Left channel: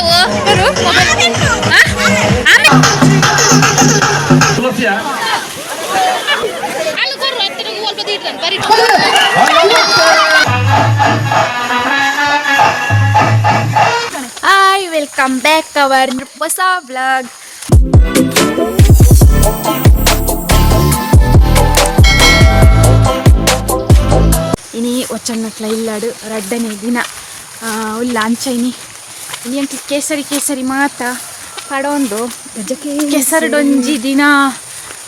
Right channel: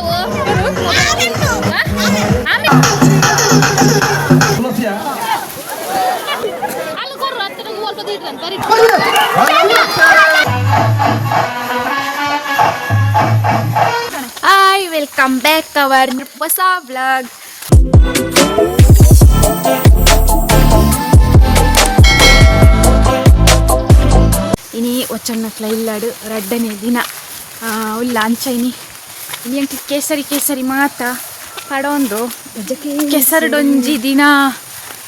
Hi, welcome back to our ಹೊಸ vlog. ini ಒಚ್ಚನ್ನಟ್ಲ ಇಲ್ಲಾಡು ರಡ್ಡನೇ ದಿನ ಉಲ್ಲ ಅಂಚೈನಿ ಎಂಟಿ ಕೇಸರಿ ಮಾತ ಪಡೊಂದು ಕೆಸರಡೊಂಜಿ ದಿನ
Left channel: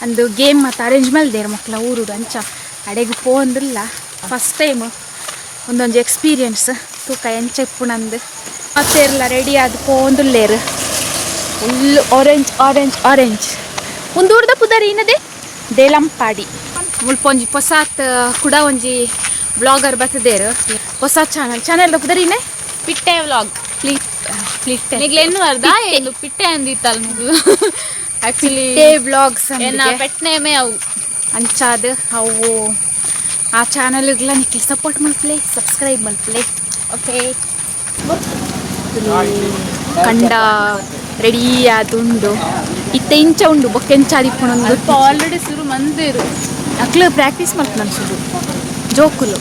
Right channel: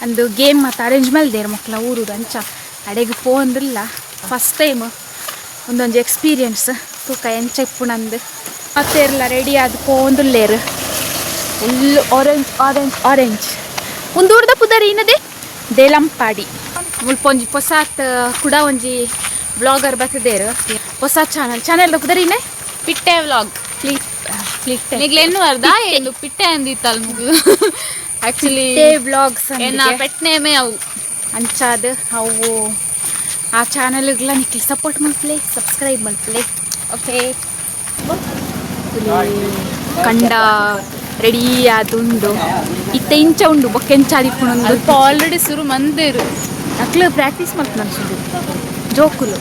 ಅಂದು ಗೇಮ್ ಮತ್ತು ಅರೇಂಜ್ ಮಲ್ದೇರು ಮಕ್ಕಳ ಊರು ಅಂಚ ಅಡೆಗೆ ಪೋಂದಿಲ್ಲ ಫಸ್ಟ್ ಟೈಮ್ ಒಂದೊಂದು ಎಕ್ಸ್ಪೀರಿಯನ್ಸ್ ತೂಕ ಎಂಚ ಇಪ್ಪುಣಂದು ಮತ್ತೆ ಎಲ್ಲ ರೆಡಿ ಆದ ಪೋಂದುಲ್ಲೇರು ಫುಲ್ ಆರೆಂಜ್ ಮುಂದೂರ್ದ ಪುದರ್ ಏನದೆ ದೇಲಂಪಾಡಿ ಮುಲ್ಪೊಂಜಿ ಹೊಸಾತ್ ಕೂಡ ಒಂಜಿ ಬ್ಲಾಗರ್ ಬರ್ತದೇರು ಹೊಸ ಚಾನೆಲ್ ಪುದರಿನೇ ಪಿಟ್ಟೆ ವ್ಲಾಗ್ ನಿಗ್ಲೆನ್ನು ಅರ್ಧ ಏನು ಪಿಟ್ಟೆ ಅಂದಿತ್ತಲ್ಲ ಮುಗ್ಲು ಆಕ್ಚುಲಿ ಬ್ಲಾಗ್ಸ್ ಪೆಟ್ನೇಮೆ ಅವು ಅಂಚಾದ ಅವು ಆ ಚಾನಲ್ಗಳ ನಿಕ್ಲಿ ಸಪೋರ್ಟ್ ಮಾಡ್ತಲೇ ಸಬ್ಸ್ಕ್ರೈಬ್ ಮಾಡ್ತಲೇ ಓಕೆ ಕಂಡ ರೆಡಿ ಆದುಂಡು ಇತ್ತೆ ಇಂಚ ಉಂಡು ಬೊಕ್ಕೆಂಚಾದಿಪ್ಪುಣೊಂದು ಆಲ್ರೆಡಿ ಶುರು ಮಂದೇರು ಅಕ್ಲು ಪ್ರಾಕ್ಟೀಸ್ ಮಾಡ್ತಾನೆ ಶುರು ಜೋಕುಲು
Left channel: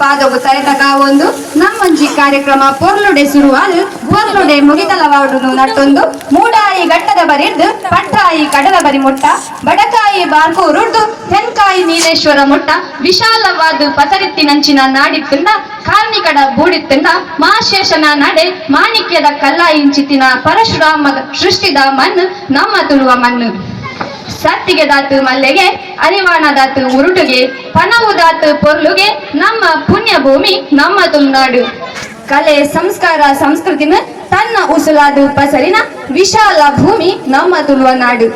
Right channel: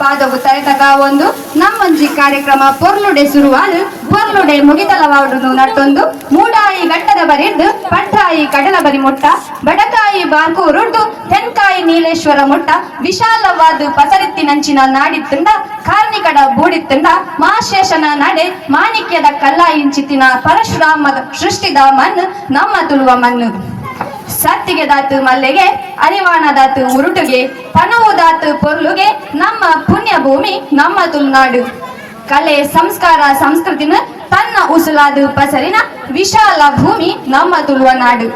ಪಾದವು ತರೆದಾಗ ಒಂದು ನಮ್ಮೊಂಜಿ ಕಾರ್ಯಕ್ರಮ ಪೊರ್ಲುಡೆ ಶುರುವಾಲು ಪೊರ್ಲುಡೆ ಮುಗಿತಲವಾಡುದು ನಟ್ಟೊಂದು ಮೂಡಾಯಿ ಘಟ್ಟದ ಬರಿದ್ದು ಪಟ್ರಾಯಿ ಕಡಲ ಬರಿ ಮುಟ್ಟ ಬಡಕಾಯಿ ಬಾರ್ಕೂರುಡ್ದು ತೆನ್ಕಾಯಿ ನೀಲೇಶ್ವರ ಮುಟ್ಟ ವಿಶಾಲವಾದ ಪಸರಿತ್ತಿನಂಚಿನ ನಾಡಿತ್ತಂಡ ಕಾರ್ಣಿಕಡ ಬೂಡಿತ್ತಂಡ ಮಾಶೇಷನ ನಡೆ ಮಾಣಿಕ್ಯದ ಕಲ್ಲಾಯಿಂಚಿತಿನ ಪರಶುರಾಮದ ಸೃಷ್ಟಿದ ಮಣ್ಣು ನಮ್ಮ ತುಳುವ ಮಣ್ಣು ಸತ್ತಿಗೆ ದಾತು ಮಲ್ಲೆಗೆ ಅರಿವಾಣದಾತು ಉರುಟುಗೆ ಪನವುದಾತು ಪೊರ್ಲುಗೆ ನಮ್ಮ ಪುಣ್ಯ ಭೂಮಿ ನಮ್ಮ ತುಳುನಾಡು ಕಲೆ ಸಂಸ್ಕಾರ ಸಂಸ್ಕೃತಿನ ತನ್ನ ಉಸುಲಾದು ಪಸರಿನ ವಿಶಾಲ ಭೂಮಿ ನಮ್ಮ ತುಳುವ ನಾಡು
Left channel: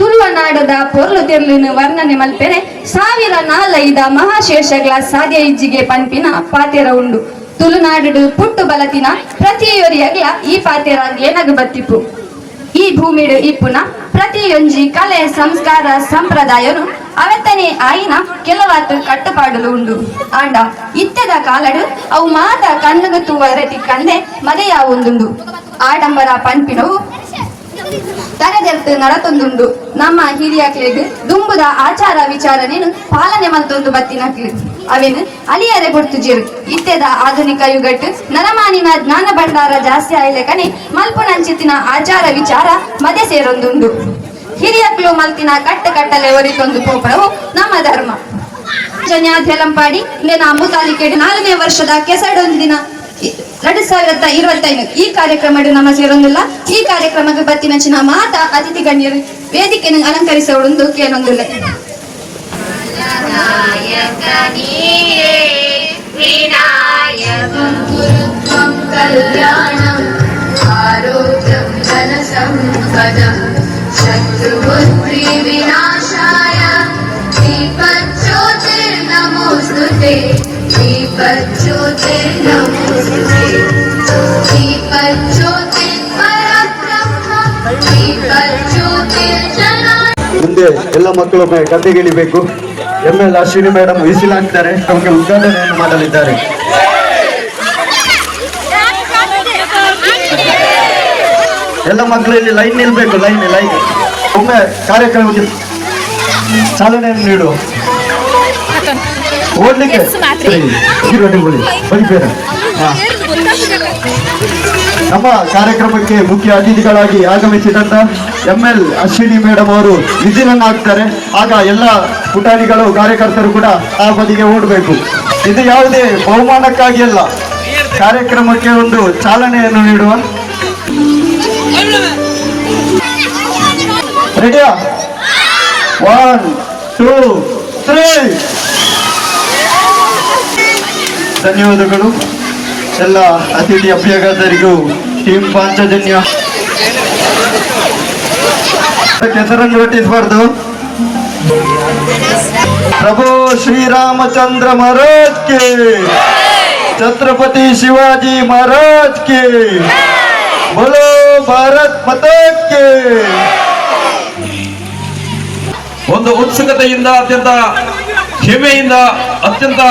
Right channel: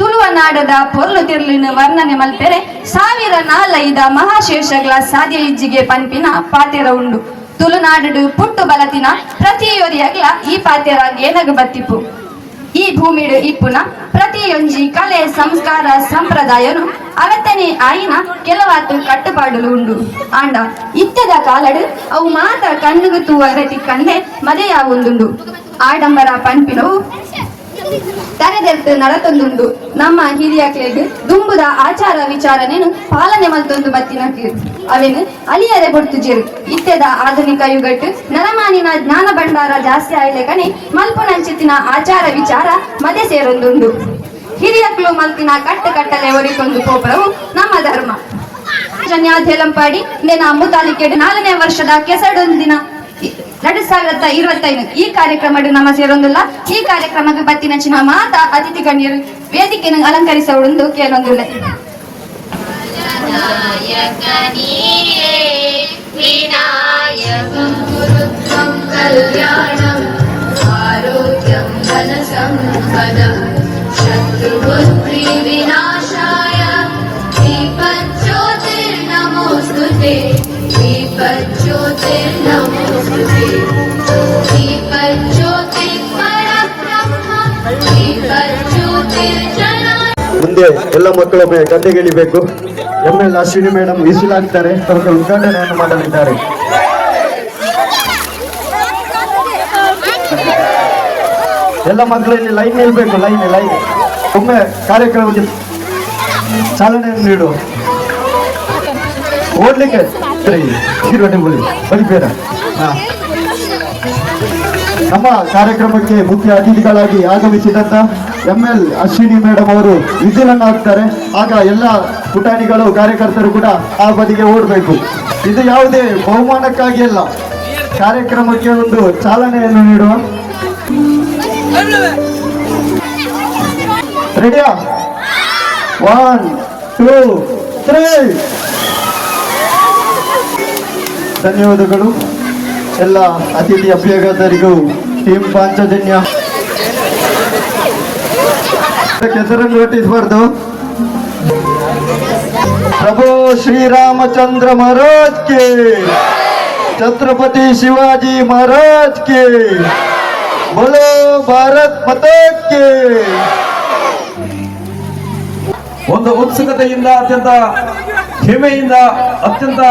ತುಳುವ ನಾಡದ ಪೊರ್ಲು ತಿರ್ಲಿನ ವರ್ಣನೆ ಮಲ್ಪೆರೆ ಸಾವಿರ ನಾಲೈದ ಮಹಾಶೇಷಗಳ ಸಾಧ್ಯ ಇಜ್ಜಿಗೆ ಪನ್ಪಿನ ಪಾತೆರ ಉಂಡು ತುಳುನಾಡು ಪುಟ್ಟು ಬಲತಿನ ಪ್ರತಿಯೊರಿಯಗ್ಲ ಈ ಪಾತೆರ ಏನಗ ಬತ್ತಿಪ್ಪು ಈ ಭೂಮಿಡು ಇಪ್ಪುನ ಪ್ರತಿಯೊಂಜಿ ಕಲೆ ಸಂಸ್ಕಾರ ಸಂಪ್ರದಾಯನು ಅವತ್ತನೇ ಆಯಿನ ಕೆಲವಾತು ಕಟ್ಟುಪಾಡುಲು ಉಂಡು ಆಂಡ ಇತ್ಯದ ಕಾಲಡು ಅವು ಮಾತ ಕಣ್ಣುಗು ತೂವರತಿ ಕಂದೆ ಮದೆಯಾವುಂದುಂಡು ಆಡಂಬರ ಪನ್ಪಿನವು ತರೆದೆರ್ತು ನಡತೊಂದುಂಡು ನಮ್ಮ ಹಿರಿಯಕ್ಲೆಗ್ ದುಂಬುದ ಆಚಾರ ವಿಚಾರನೇನು ಪಾಲನೆ ಮಲ್ತೊಂದು ಬತ್ತಿನಕ್ಲು ಅವೇನು ಅಲಿಯದೆ ಬೊಡ್ತುಜೇರು ಇತ್ತೆದ ಆಧುನಿಕ ಯುಗಟ್ಟು ನರಮಾನಿನ ಜ್ಞಾನ ಭಂಡಾರ ಜಾಸ್ತಿ ಆಯ್ಲೆ ಕನಿ ಮಲ್ಪುನಂಚಿತ್ತಿನ ಆಚಾರ ವಿಚಾರ ಮದೆ ಸೇರೊಂದುಂಡು ಹಿರಿಯಕ್ಲು ಮಲ್ತಿನ ಕಟ್ಟಲೆ ಒರಿತೊಂದು ಪೋಪರವು ನಮ್ಮ ಧರ್ಮ ಜನ್ಯಾಧೇಲಂಪಾಡಿ ಇಂದಿನ ಮುತಾಲಿಕೆಡು 4ನೇ ವರ್ಷದ ಕೆಸಡೊಂದಿನ 2025 ಈ ಕಾರ್ಯಕ್ರಮ ನಮ್ಮ ಸೇರೊಂದಿಲ್ಲ ಈ ಕಾರ್ಯಕ್ರಮಕ್ಕೆ ಬತ್ತಿ ಮೆಚ್ಚಿನ ಮಾತ ಅತಿಥಿ ಗಣ್ಯರು ವೇದಿಕೆಯನ್ನು ಅಲಂಕರಿಸೋಡು ಕೇಳೊಂದಿಲ್ಲ ಮುಂದೆ ಎಲ್ಲ ಮಕ್ಕಳೊಮ್ಮೆ ಗದ್ದೆಗಿಳಿಬೇಕು. ML ಅಶ್ವಿನಿ ಮೇಡಮ್ ವಿಸಿಲಾಗ್ತಾರೆ, ಅವರಿಗೆ ಉದ್ಘಾಟನೆಯನ್ನು ಮಾಡಲಿದ್ದಾರೆ. ಎಲ್ಲ ಮಕ್ಕಳು ಇಲ್ಲಿ ಲೈನ್ ನಿಲ್ಬೇಕು, ಲೈನ್ ಒಮ್ಮೆ ಕಾರ್ಯಕ್ರಮಕ್ಕೆ ಚಾಲನೆಯನ್ನು ನೀಡು. ಓಡ್ಲಿಕ್ಕೆ ನಮ್ಮ ಕಾರ್ಯಕ್ರಮಕ್ಕೆ ಮುಖ್ಯ ಅತಿಥಿಗಳಾಗಿ ಆಗಮಿಸಿದಂತ ML ಅಶ್ವಿನಿ ಮೇಡಮ್ ಅವರು ವಿಸಿಲನ್ನು ಹಾಕ್ತಾರೆ. ಆಗ ಎಲ್ಲ ಪುಟಾಣಿಗಳು ಕಾರ್ಯಕರ್ತರು ಕೂಡ ಆ ಬದಿಗೆ ಓಡಬೇಕು. ಇದು ಯಾವುದೇ ಬಹುಮಾನಕ್ಕಾಗಿ ಅಲ್ಲ, ಕಾರ್ಯಕ್ರಮಕ್ಕೆ ಒಂದು ಚಾಲನೆಯನ್ನು ನೀಡುವ. ರೆಡಿಯಾ? 1 2 3 ಧನ್ಯವಾದಗಳು. ಎಲ್ಲ ಅತಿಥಿ ಅಭ್ಯಾಗತರಿಗೂ ಟೀಮ್ ಪಾಂಚಜನ್ಯ ಹೆಸರನ್ನು ಹೊಟ್ಟಿಸಬಾರ್ದು. ಪ್ರಭು ಶ್ರೀರಾಮಚಂದ್ರ ಮಹಾರಾಜ್ ಕೆ, ಛತ್ರಪತಿ ಶಿವಾಜಿ ಮಹಾರಾಜ್ ಕೆ, ಬೋಲೋ ಭಾರತ್ ಮಾತಾ ಕೆ. ಒಂದು ಉತ್ಸುಕತೆಯಿಂದ ಅತ್ಯಂತ ಹೆಮ್ಮೆಯಿಂದ ಅತ್ಯಂತ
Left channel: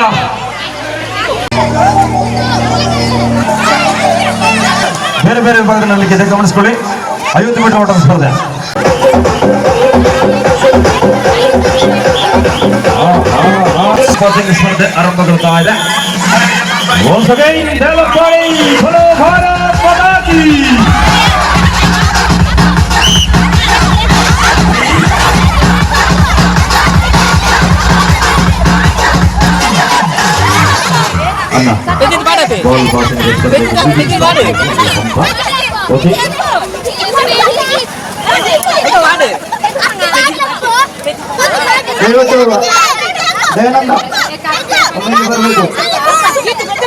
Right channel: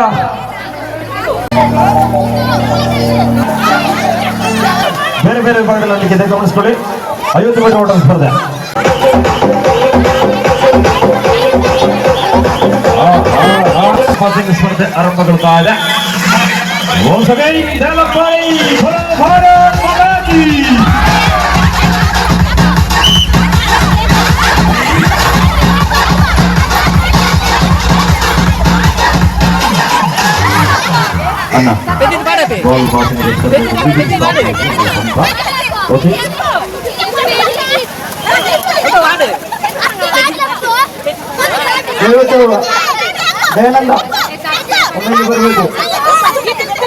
ಬೇರೆ ಬೇರೆ ವಿಭಾಗಗಳಲ್ಲಿ ಇದೆ, ಗಮನಿಸ್ಕೊಳ್ಳಿ. 50 ಮೀಟರ್ ಓಟ ಸ್ಪರ್ಧೆ. ಸ್ಪರ್ಧೆ ಆರಂಭಗೊಳ್ತಾ ಇದೆ. ಓಕೆ,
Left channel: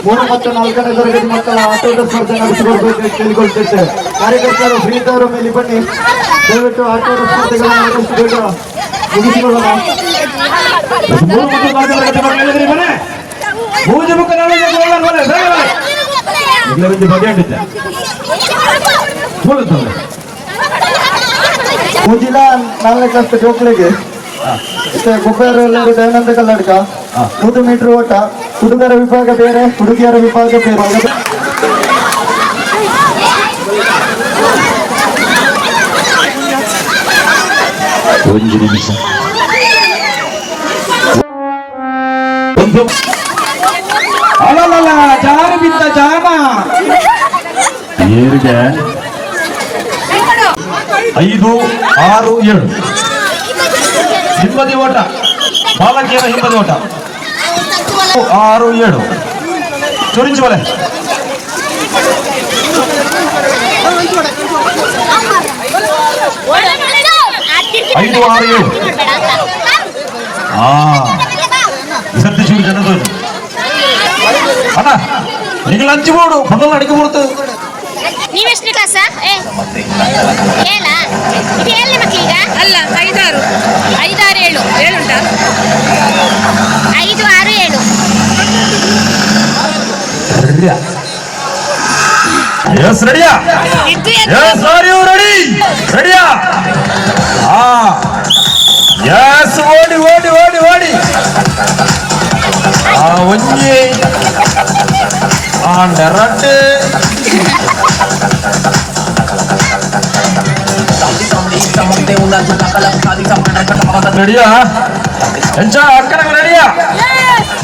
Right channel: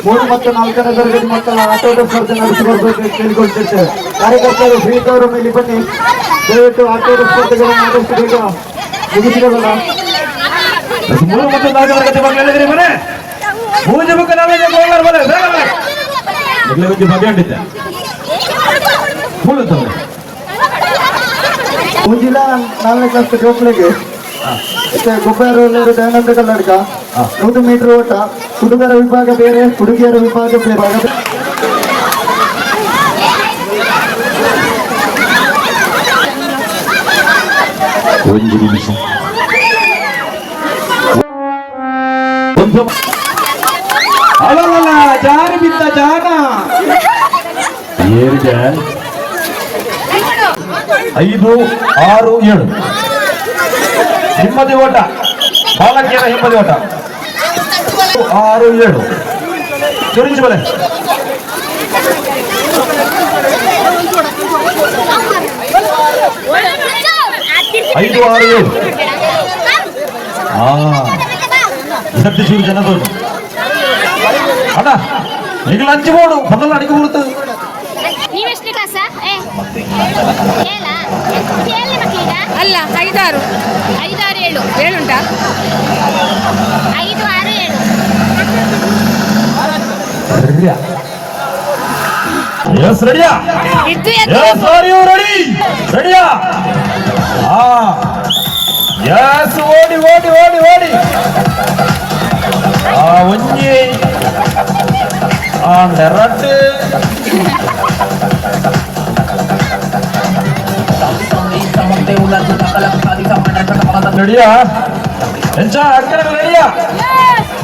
ಮೂರು ಮತ್ತು 4ನೇ ತರಗತಿ ಮಕ್ಕಳ ಆಟೋಟ ಸ್ಪರ್ಧೆ ನಡೆಸಿಕೊಳ್ಬೇಕು ಕೇಳಿಕೊಳ್ತಿರ್ತೇವೆ. ಕಾರ್ಯಕರ್ತರು ಶ್ರೀತವರು ಮೇಲೆ ಬನ್ನಿ. ದಯವಿಟ್ಟು ಆಟೋಟ ಸ್ಪರ್ಧೆಗಳನ್ನು ಆದಷ್ಟು ಬೇಗ ಮುಗಿಸಿಕೊಳ್ಳೋಣ. 3 ಮತ್ತು 4 ತರಗತಿ ಮಕ್ಕಳು ಹೇಳಿದ್ರಿ ಮನೆ ಮೂಜ ಮುಖ ನಾಳೆ ಬಗೆಹಟ್ಟಿದ್ದೆ ಮುಂಜಿನ 4ನೇ ಕ್ಲಾಸ್ ಮಕ್ಕಳಿಗೆ ಗೊಬ್ಬರ ದಯಾನಂದ ಕಲ್ಲಡ್ಕ 100 ಮೀಟರ್ ಓಟ. ಹುಡುಗರ ವಿಭಾಗ ಬೇರೆ, ಹುಡುಗಿಯರ ವಿಭಾಗ ಬೇರೆ. ಒಂದು ನಿಮಿಷ. ಅಲ್ಲಲ್ಲ ಜಾರಿ ಬಿದ್ದ ಜಾಗ 2 5 6 7 ಹಿಂಬದಿ ಓಟ. ಬಾಲಕಿಯರ ಹಿಂಬದಿ ಓಟ 6 7 ಚುರಿಂಚಿ ಬಲೆ. ಐದು 6 7 ಸತ್ಯ ಶಿವ ಜನದೋರು ಅಣ್ಣ ನೀವು ಲಂಚ್ ಬೋರ್ಡು ಮೊದಲು ಅಡಿಕೆ ಬಿಡ್ತು. ನೀವೆಷ್ಟು ಕ್ಲಾಸ? ಏನ ಇದು ಎಲ್ಲಿ ಮಕ್ಕಳೀಗ? ಅಲ್ಲ 5 6 5 6 7 ಉಂಟಾ? 5 6 7 ಎಸ್ ರೆಡಿಯಾ? Yes are you ready? ರೆಡಿಯಾ? ಎಸ್ ಓಡಿ ಓಡಿ ಓಡಿ ಓಡಿ. ಒಂಜಿ ನೆರಟೆ ರೆಡಿಯಾ? ಎಂಚ ಅಕ್ಕನ ರೆಡಿಯಾ?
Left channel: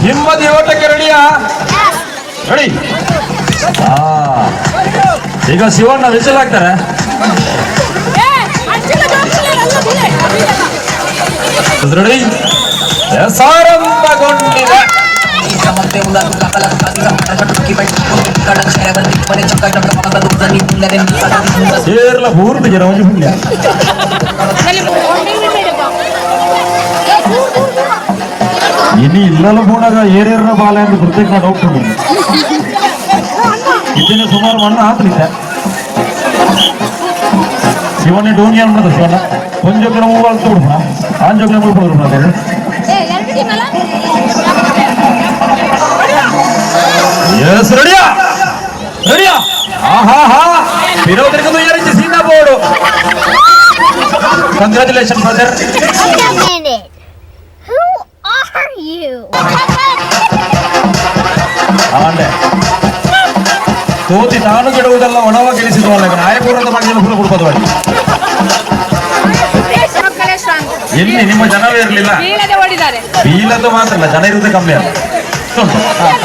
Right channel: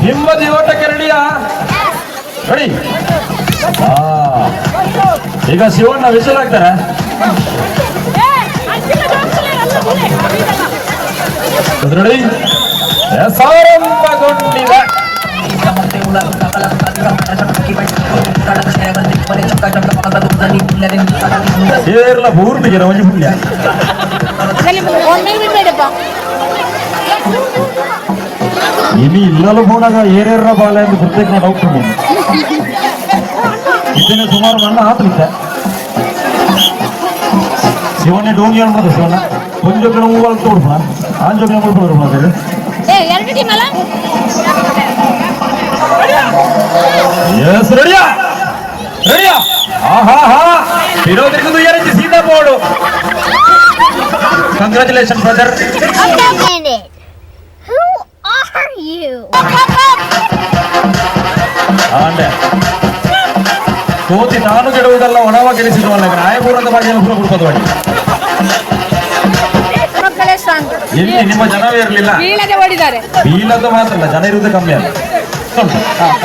ಹಿಂಬದಿ ಓಟಕ್ಕೆ ರೆಡಿಯಾ? ರೆಡಿ? ಈಗ ಶಿವಣ್ಣ ವಿಷಲ್ ಹಾಕ್ತಾರೆ. ರೆಡಿ? ಆರಂಭಗೊಂಡಿದೆ. ಸೇರ್ಲ ಪೂರ್ತಿಗೆ ಒಂಜಿ ಪುಣ್ಯ ಇನ್ನು ಇಲ್ಲಲ್ಲ ಬೋಣಾಗ ಏರೇರ ಬಾಲ ಎಂದು ಪ್ರತ್ಯೇಕ ಡೌಟ್ ಇದನ್ನ ಸುಮಾರು ಮಣ್ಣ ಆತಲಿದ್ದೆ. ಶಿವನೇ ಡೋನಿಯನ್ ಮದಸ್ತಾನ ಕೊಂಜೊಕ್ಕನ ಮೂವಲ್ ತೋಡ್ಪ ಆಂಜೊಕ್ಕನ ಮುಳ್ಪಡೋರು ನಾವೇನು ಎಸ್ ರೆಡಿಯಾ? ರೆಡಿಯಾ? ವಿರೋಧರಿಗೂ ಯಾರಂತೆ ಸೀದಾ board. Congratulation brother. Who are you? ಆಂಡೆ ತೋತಿ ನಾನು ಗೆಡುವುದೆಲ್ಲ ಒಣವ ಗೆಲ್ಲಿಸಿದವನಾಗ ನಾಯಪುರದ ಬಗ್ಗೆ ಕೆಲಸ ಕೊಡ್ಬೋದು. ಇಲ್ಲಿ ನಿಮ್ಮ ಜನವೇ ಇರಲಿಲ್ಲ. ಬೀಳದ್ದು ಮಾತ್ರ ಜನ ಇರುವುದು ಕಮ್ಮಿ ಅಲ್ಲ.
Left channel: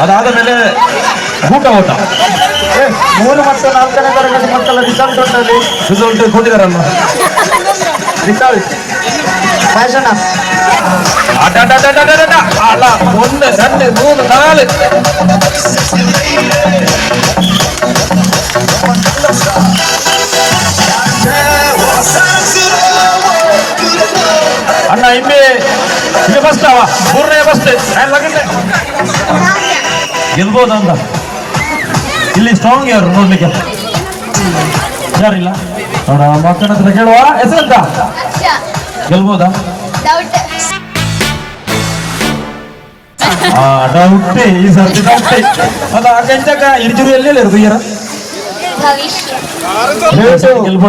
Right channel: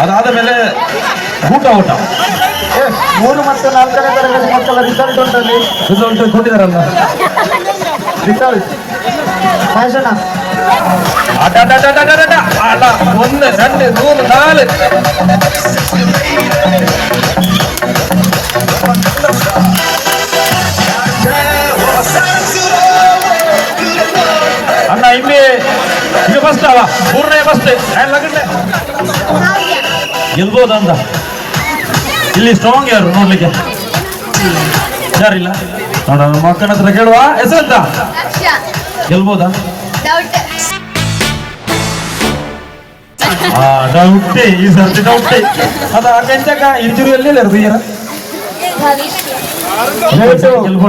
ಅದಾದ ಮೇಲೆ ಊಟ 3 ಮತ್ತು 4ನೇ ತರಗತಿ ಮಕ್ಕಳ ರಿಸಲ್ಟ್ ಉಂಟಲ್ಲಿ. ರಿಸಲ್ಟ್ ಕೊಟ್ಟಿದಾರಲ್ಲ. ರಿಸಲ್ಟ್ ಫ್ಯಾಷನ್ ಅಲ್ಲ 1 2 3 4 ಅಣ್ಣ ಇಲ್ಲಿ ಇದು ಫಸ್ಟ್ ಅವ 3ನೇ ಫಸ್ಟ್ ಗೆಲ್ಬೋದಾ ಅಂತ. ಇಲ್ಲಿ ಸ್ಟ್ರಾಂಗ್ ಯಾರು ನೋಡ್ಲಿಕ್ಕೆ ಯಾರಿಲ್ಲ ನೋಡ, ಮಕ್ಕಳ ಹತ್ರ ಕೇಳುವ. ಹೆಸರೆಂತ? ಗೆಲ್ಬೋದಾ? ಡೌಟೆ, ಈ ಸರ್ತಿ ಡೌಟೆ. ಅದ ಕೆಂಚಕ ಇಂಜುರಿ ಎಲ್ಲಿ ಇರೋದು ಈರ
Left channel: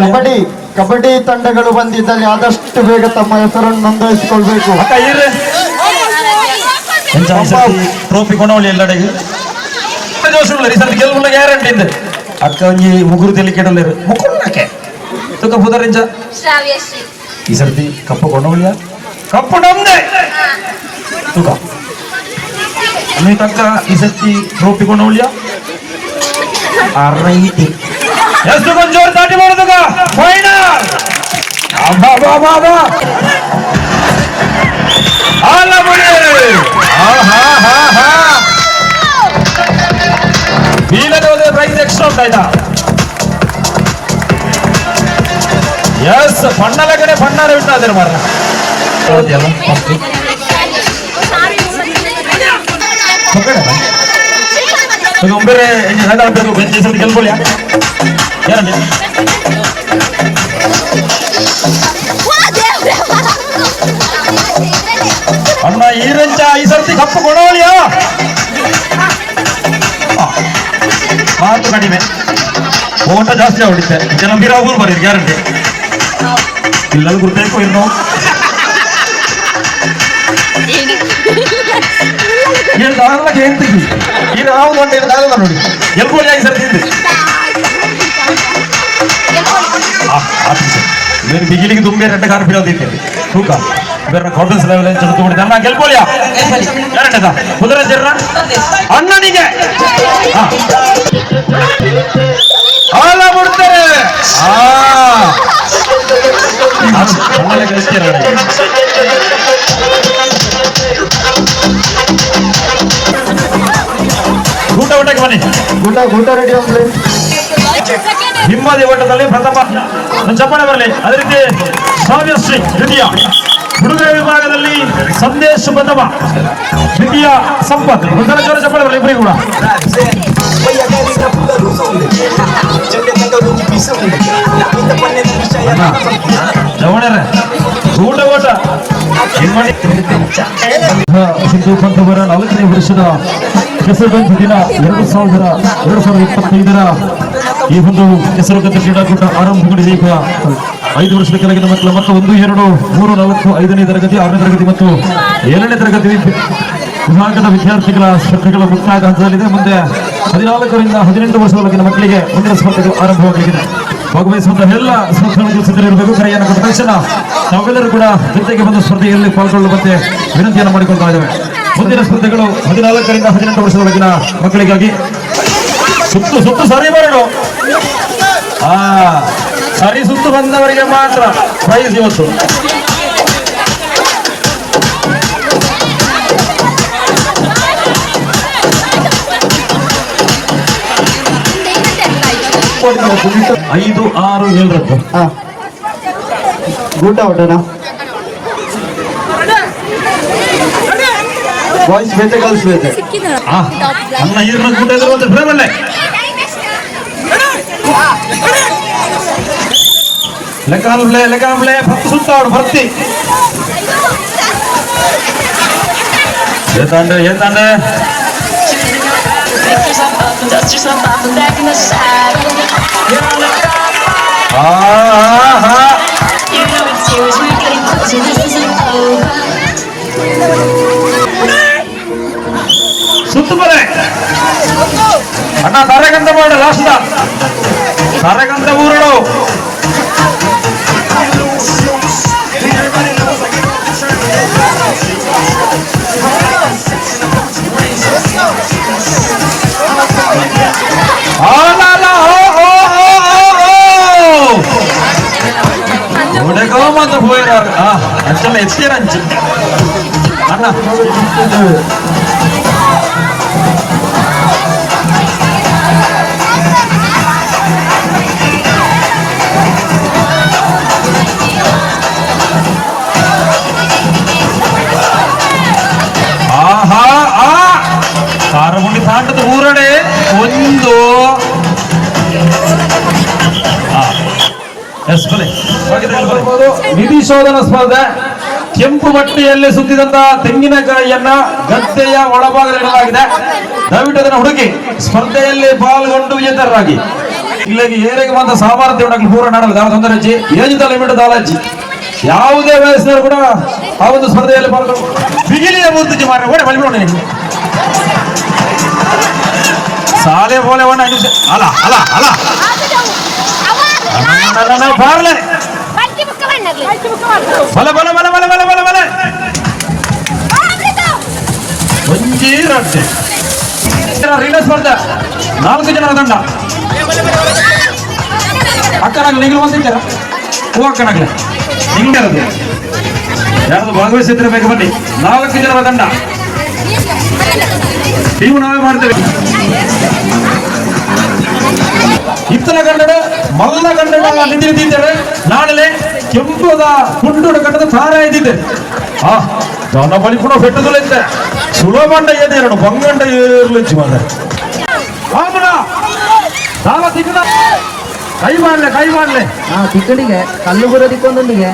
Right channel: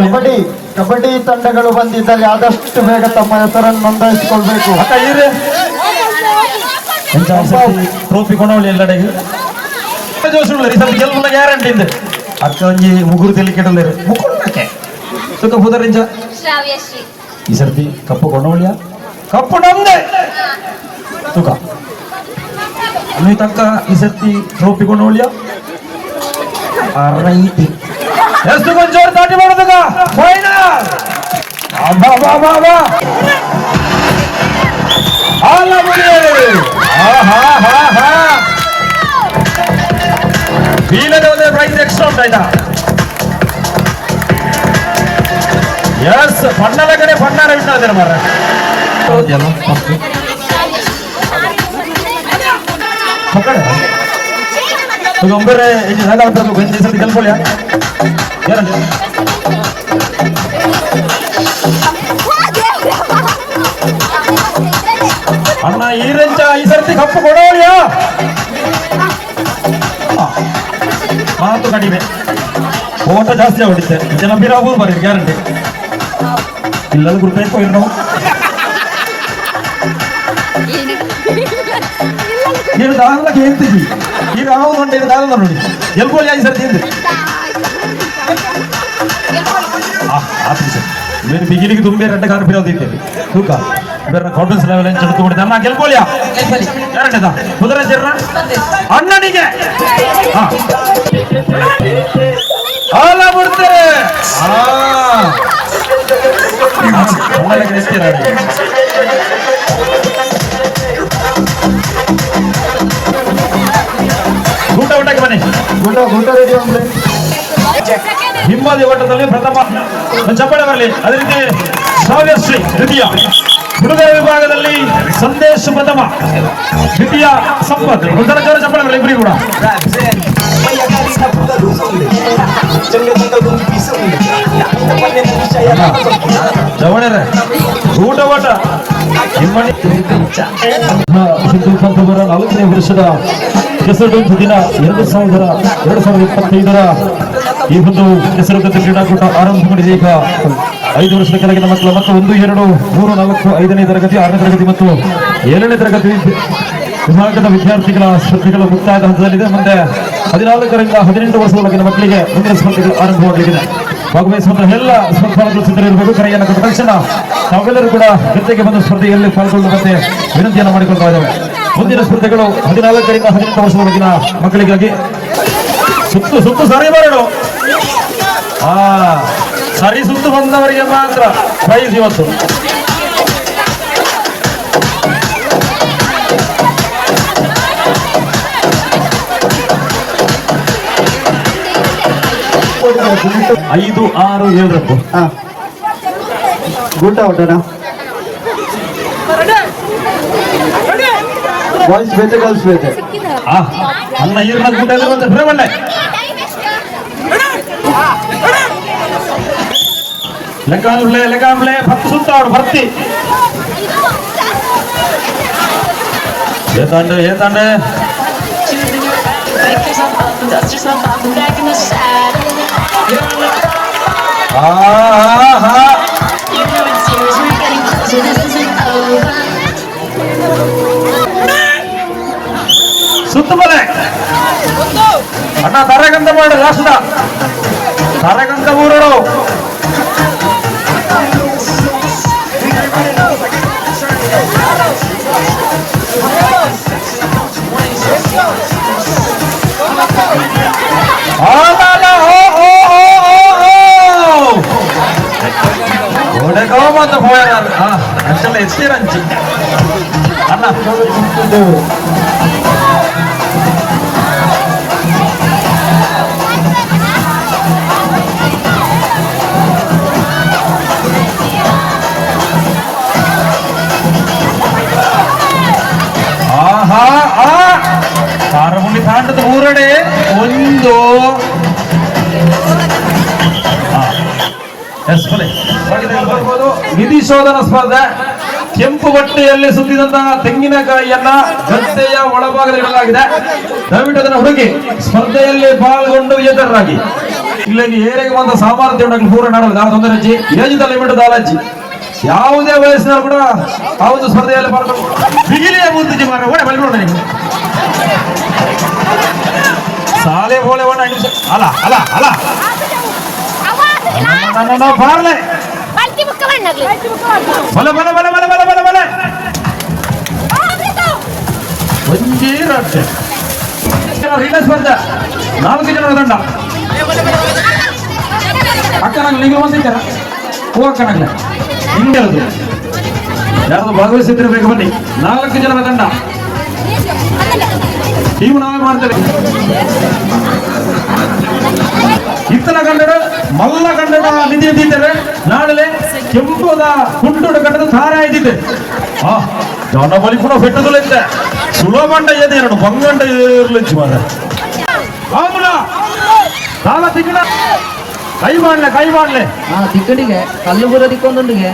ಕಬಡ್ಡಿ ಕಬಡ್ಡಿ ತಂಡಗಳು ಬಂದಿದ್ದಲ್ಲಿ ಆದಷ್ಟು ಬೇಗ ತಮ್ಮ ಹೆಸರನ್ನು ನೋಂದಾಯಿಸಿಕೊಳ್ಬೇಕು. ಟ್ರೋಫಿ ಕೊಂಡವಳಿ ಎಲ್ಲಡೆಗೆ ಜೋಶುಗಳ ಈ ಸರ್ತಿ ಗೆಲ್ಬುಲ್ಲ ಗ್ಯಾರಂಟಿ ಇದೆ. ಅಕ್ಕ ಒಂಜಿ ಮುಗುರು ತೆಲಿ ಕೆಡಲೇರು ಮುಕ್ಕಕ್ಕೆ ಸುತ್ತ ಪುದರಿಂಚ ಈ ಸರ್ತಿ ಕಪ್ಪು ಕೊಂಡವಳಿಯ ಕಪ್ಪು ನಮ್ದೆ ತುಕ ನೀ ತಕ್ಕ ಈ ಸರ್ತಿ ಟ್ರೋಫಿ ಕೊಂಡವಳಿಯ ರೈಟಿ ಎಷ್ಟು ಕೊಂಚ ಜೋರು ತಾಟಿ ಮಾಡೋದುಗ ಫೈನಲ್ ಅಬ್ಬಾ ಬಾ ಬಾ ಬಾ ಅಲ್ಲ ಮುಗಿ ಹಾ ಹಾ ಹಾ ಹಾ ಬೀಳದ ಪ್ರೈಸ್ ಎಕ್ಸ್ಟ್ರಾ ಉಂಟಾಯ್ತಾ? ಎಸ್ ಪಣ್ಣಲ ಕಡೆ ಪಣ್ಣಾರೆ ಉಂಟಾದ್ರೆ ಮಾರ ಒಂಬೇರೆ ಗಂಡ ಹಾಕಬೇಕು ಬೆಂಚಿ ಸರಿ ಗೆಲ್ಕೊಳ್ಳಿ ಏನಂದ್ರೆ ಅಣ್ಣ ಈ ರಂಚ ಈ ಸರ್ತಿ ಕಪ್ಪು ಕೊಡೋಳಿಯಾ? ಮಾತು ಕಡಿಮೆ, ಓಟ ಜಾಸ್ತಿ ಆಗುತ್ತೆ. ಜನ ಬೀರಾಗೂರು ಬರೀರಿ ಗ್ಯಾರಂಟಿ. ಇಲ್ಲೆಲ್ಲ ಗುರುಬೇಕು ಇರ್ ನಾವು ಹೇಳ್ದಾಗ್ಲಕ್ಕೆ ಹೇಳ್ತೀವಿ. ಈಗ ನಾವು ಒಂದು ಹೇಳ್ದಾಗಲ್ಲ ನೋಡಿ ಎಲ್ಕೊಳ್ಳಿ ಆಗಿ ಸರ್ತಿ ಬೇರೆ ಬಿಗಿಲಿಗೆ ತುಂಬೆ ರೆಡ್ಡ ಕಾರ್ ಬಿಡೋದಿದ್ದೇವೆ ತೂಕ ಬೇರೆ ಕಾಟನ್ಸ್ ಲೆವೆಲ್ ಏನು ಚಲೋ ತುಂಬಿಡಿದೆ. ಅಣ್ಣ ಗೆಲ್ಕೊಳ್ಳಿಯಾ? ಗ್ಯಾರಂಟಿ ಅದ ಕುದುರೆ ಜರ್ರ ಅಣ್ಣನಿಗೆ ಹಾಲ ಬಿಡ್ತಾರೆ. ಊಟ ಊಟಕ್ಕೆ ಬನ್ನಿ. ಊಟ ರೆಡಿ ಅಂದ್ರೆ ಹಿಮ್ಮದಿ ಓಟದಲ್ಲಿ ಪ್ರಥಮ ಚಪ್ಪಾಳೆ ಬರಲಿ. ಅದೇ ರೀತಿ ಶ್ರಾವ್ಯಶ್ರೀ ದ್ವಿತೀಯ, ಹುಡುಗರ ವಿಭಾಗದಲ್ಲಿ ಸಂದೇಶ್ ಪ್ರಥಮ, ದ್ವಿತೀಯ ಸಂಪತ್. ಒಂದರ ಜೋರ ಚಪ್ಪಾಳೆ ಬರಲಿ ಇಬ್ಬರಿಗೂ ಕೂಡ. ಜವಣರೇ ಊಟ ಓಟ ಸಿಂಧು ಕಂಠವರ 4ನೇ ವರ್ಷದ ಕೆಸರದಂತ ದಿನ 2025ರ ಈ ಒಂದು ಕೆಸರದಂತ ಕ್ರೀಡಾಕೂಟ ಆರಂಭಗೊಂಡಿದೆ. ಈಗ 5 ವರ್ಷದ ಕೆಳಗಿನ ಮಕ್ಕಳು ಮತ್ತು 1, 2, 3, 4, 5ನೇ ತರಗತಿ, 6ನೇ ತರಗತಿ ಮತ್ತು 7ನೇ ತರಗತಿ ವಿಭಾಗದ ವಿದ್ಯಾರ್ಥಿಗಳ ಸ್ಪರ್ಧೆಗಳು ಮುಕ್ತಾಯದ ಹಂತದಲ್ಲಿದೆ. ಮುಂದೆ 14ರಿಂದ 18 ವರ್ಷದೊಳಗಿನ ಮಕ್ಕಳಿಗೆ ಮುಂದಿನ ಸ್ಪರ್ಧೆಗಳು ಆರಂಭವಾಗಲಿದೆ. ಭಾಗವಹಿಸುವಂತಹ ಎಲ್ಲ ಸ್ಪರ್ಧಾಳುಗಳು ಸಿದ್ಧರಿರಬೇಕು. ಕರೆಯನ್ನು ಕೊಟ್ಟ ತಕ್ಷಣ ನಾವೆಲ್ಲರೂ ಕೂಡ ಜೊತೆಗೆ ಬಂದ ಸ್ಪರ್ಧೆಯಲ್ಲಿ ಪಾಲ್ಗೊಳ್ಳುವಂತೆ ವಿನಂತಿಯನ್ನು ಮಾಡಿಕೊಳ್ತಾ ಇದ್ದೇವೆ. ಮುಂದಿನ ಸ್ಪರ್ಧೆಗಳು 14ರಿಂದ 18 ವರ್ಷದೊಳಗಿನ ಮಕ್ಕಳಿಗಾಗಿ. ಸುತ್ತು ಸಾರಿ ಮಾಡೋಣ. ಸರಿ ಸುತ್ತು ಬಂದವರಿಗೆ ಮಾತ್ರ ಪ್ರೈಸ್ ಇವತ್ತು. ಐದು 6 7 ಊಟ ಊಟನಾ ಬಾಯ್ಸ್ ಬೇತೆ ಗರ್ಲ್ಸ್ ಬೇತೆ ಅನ್ನ ಈರಿನ ಊಟ ಒಳ್ಳೆ ಲೆಕ್ಕಾಂಬ್ಲೆ 10 ಸುತ್ತ ಅವ್ರು ಬರ್ತಿ ಏತಂಡೆ ಸುತ್ತ ಬಲೆ ಅಣ್ಣ ತರಗಂತ ಮಾಡು ಲಾಸ್ಟ ತರಗಂತ ಊರಳು ಎಕ್ಸ್ಪೀರಿಯನ್ಸ್ ಅಣ್ಣ ಕಾರಗುಂಡಿ ತಾಂಡದ ಮೂರಡೆ ಒಂದು ನಿಧಿ ಶೋಧನ ಸ್ಪರ್ಧೆ. ಕೆಂಪು ಬಟ್ಟೆಯಲ್ಲಿ ಸುತ್ತಿದಂತ ತೆಂಗಿನಕಾಯಿಯನ್ನ ಗದ್ದೆಯ ಒಳಭಾಗದಲ್ಲಿ ಇಡಲಾಗಿದೆ. ದಯವಿಟ್ಟು ಅದನ್ನು ಹುಡುಕಿ ಸ್ಪರ್ಧೆಯಲ್ಲಿ ಪಾಲ್ಗೊಂಡು ವಿಜೇತರಾಗಿ. ಇಲ್ಲಿಗೆ ಏರಿಗೆ ಬಂದ ಸಾಮರ್ಥ್ಯ ಉಂಟಾಗಲಿ ಪೂರ್ಣ ನಾಡಲು ದಾಳ ತೊಂದರೆಚ್ಚಿ ಯೋಜಿತ ಲಿಮಿಟ್ ದಾಲಜ್ಜಿ ಯಾವುದೇ ವಯಸ್ಸಿನವರು ಕೂಡ ಆ ಒಂದು ಸ್ಪರ್ಧೆಯಲ್ಲಿ ಪಾಲ್ಗೊಂಡು ಬಿಗಿಲಿಯ ಮೂರ್ತಿ ಮಾರ ಕೂಡ ಮಲಿಬಿಡೋಣ. ಸಾಲೆ ಬೋಲೆ ಅಲ್ಲ ಅಲ್ಲ ಅಲ್ಲ ಬಾರ್ಲೆ ಬಲೆ ಬಲೆ ಬಲೆ ಬಲೆ ಬಲೆ ಬಲೆ ಬಲೆ ಒಂಜಿ ರಟ್ಟೆ ರೀಡರ್ ಸ್ಪರ್ಧೆ 4 ಜನರ ತಂಡ. ಅಕ್ಕನಾಗ್ಲಿ ನೀಗಲು ಬಂದಿದ್ದಾರ ಹೂ ಅಕ್ಕನಾಗ್ಲಿ ನಿಮ್ಗೆ ಯಾರ್ದು ಭಾಗವಹಿಸಿದ್ರೆ ಬೇಕು ಬನ್ನಿ. 4 ಜನರ ತಂಡ ಟೀಮ್ ನಾವೇ ಮಾಡ್ತೇವೆ. ಇತ್ತಲ ಕನ್ನಡ ಮಲ್ಲ ಕನ್ನಡ ನಿಂತಿದ್ದಾರೆ. ನಾಳೆ ಕೆಂಪುದ ಕುಂಟುಡ ಕಟ್ಟದ ಸಾರ ಇದ್ದಿದ್ದೆ ಜನ ಬಲಿಪುರ ಪೆಟ್ಟುಗಳಿದ್ದೆ ಸುಲಭಂಡ ಎದೇರಡು ಬಂಗಂಡ ಏರ್ಲಿಚ್ಚಿ ಮಾಡ ಅವನ ಸಾಲ ತಿಕ್ಕಡ ಕೈ ಮಾಡ್ಲೆ ತಿಕ್ಕಡಿಗೆ ಕಲ್ಲಿಪುರ ತಿಕ್ಕೊಂದೊಂದಿಗೆ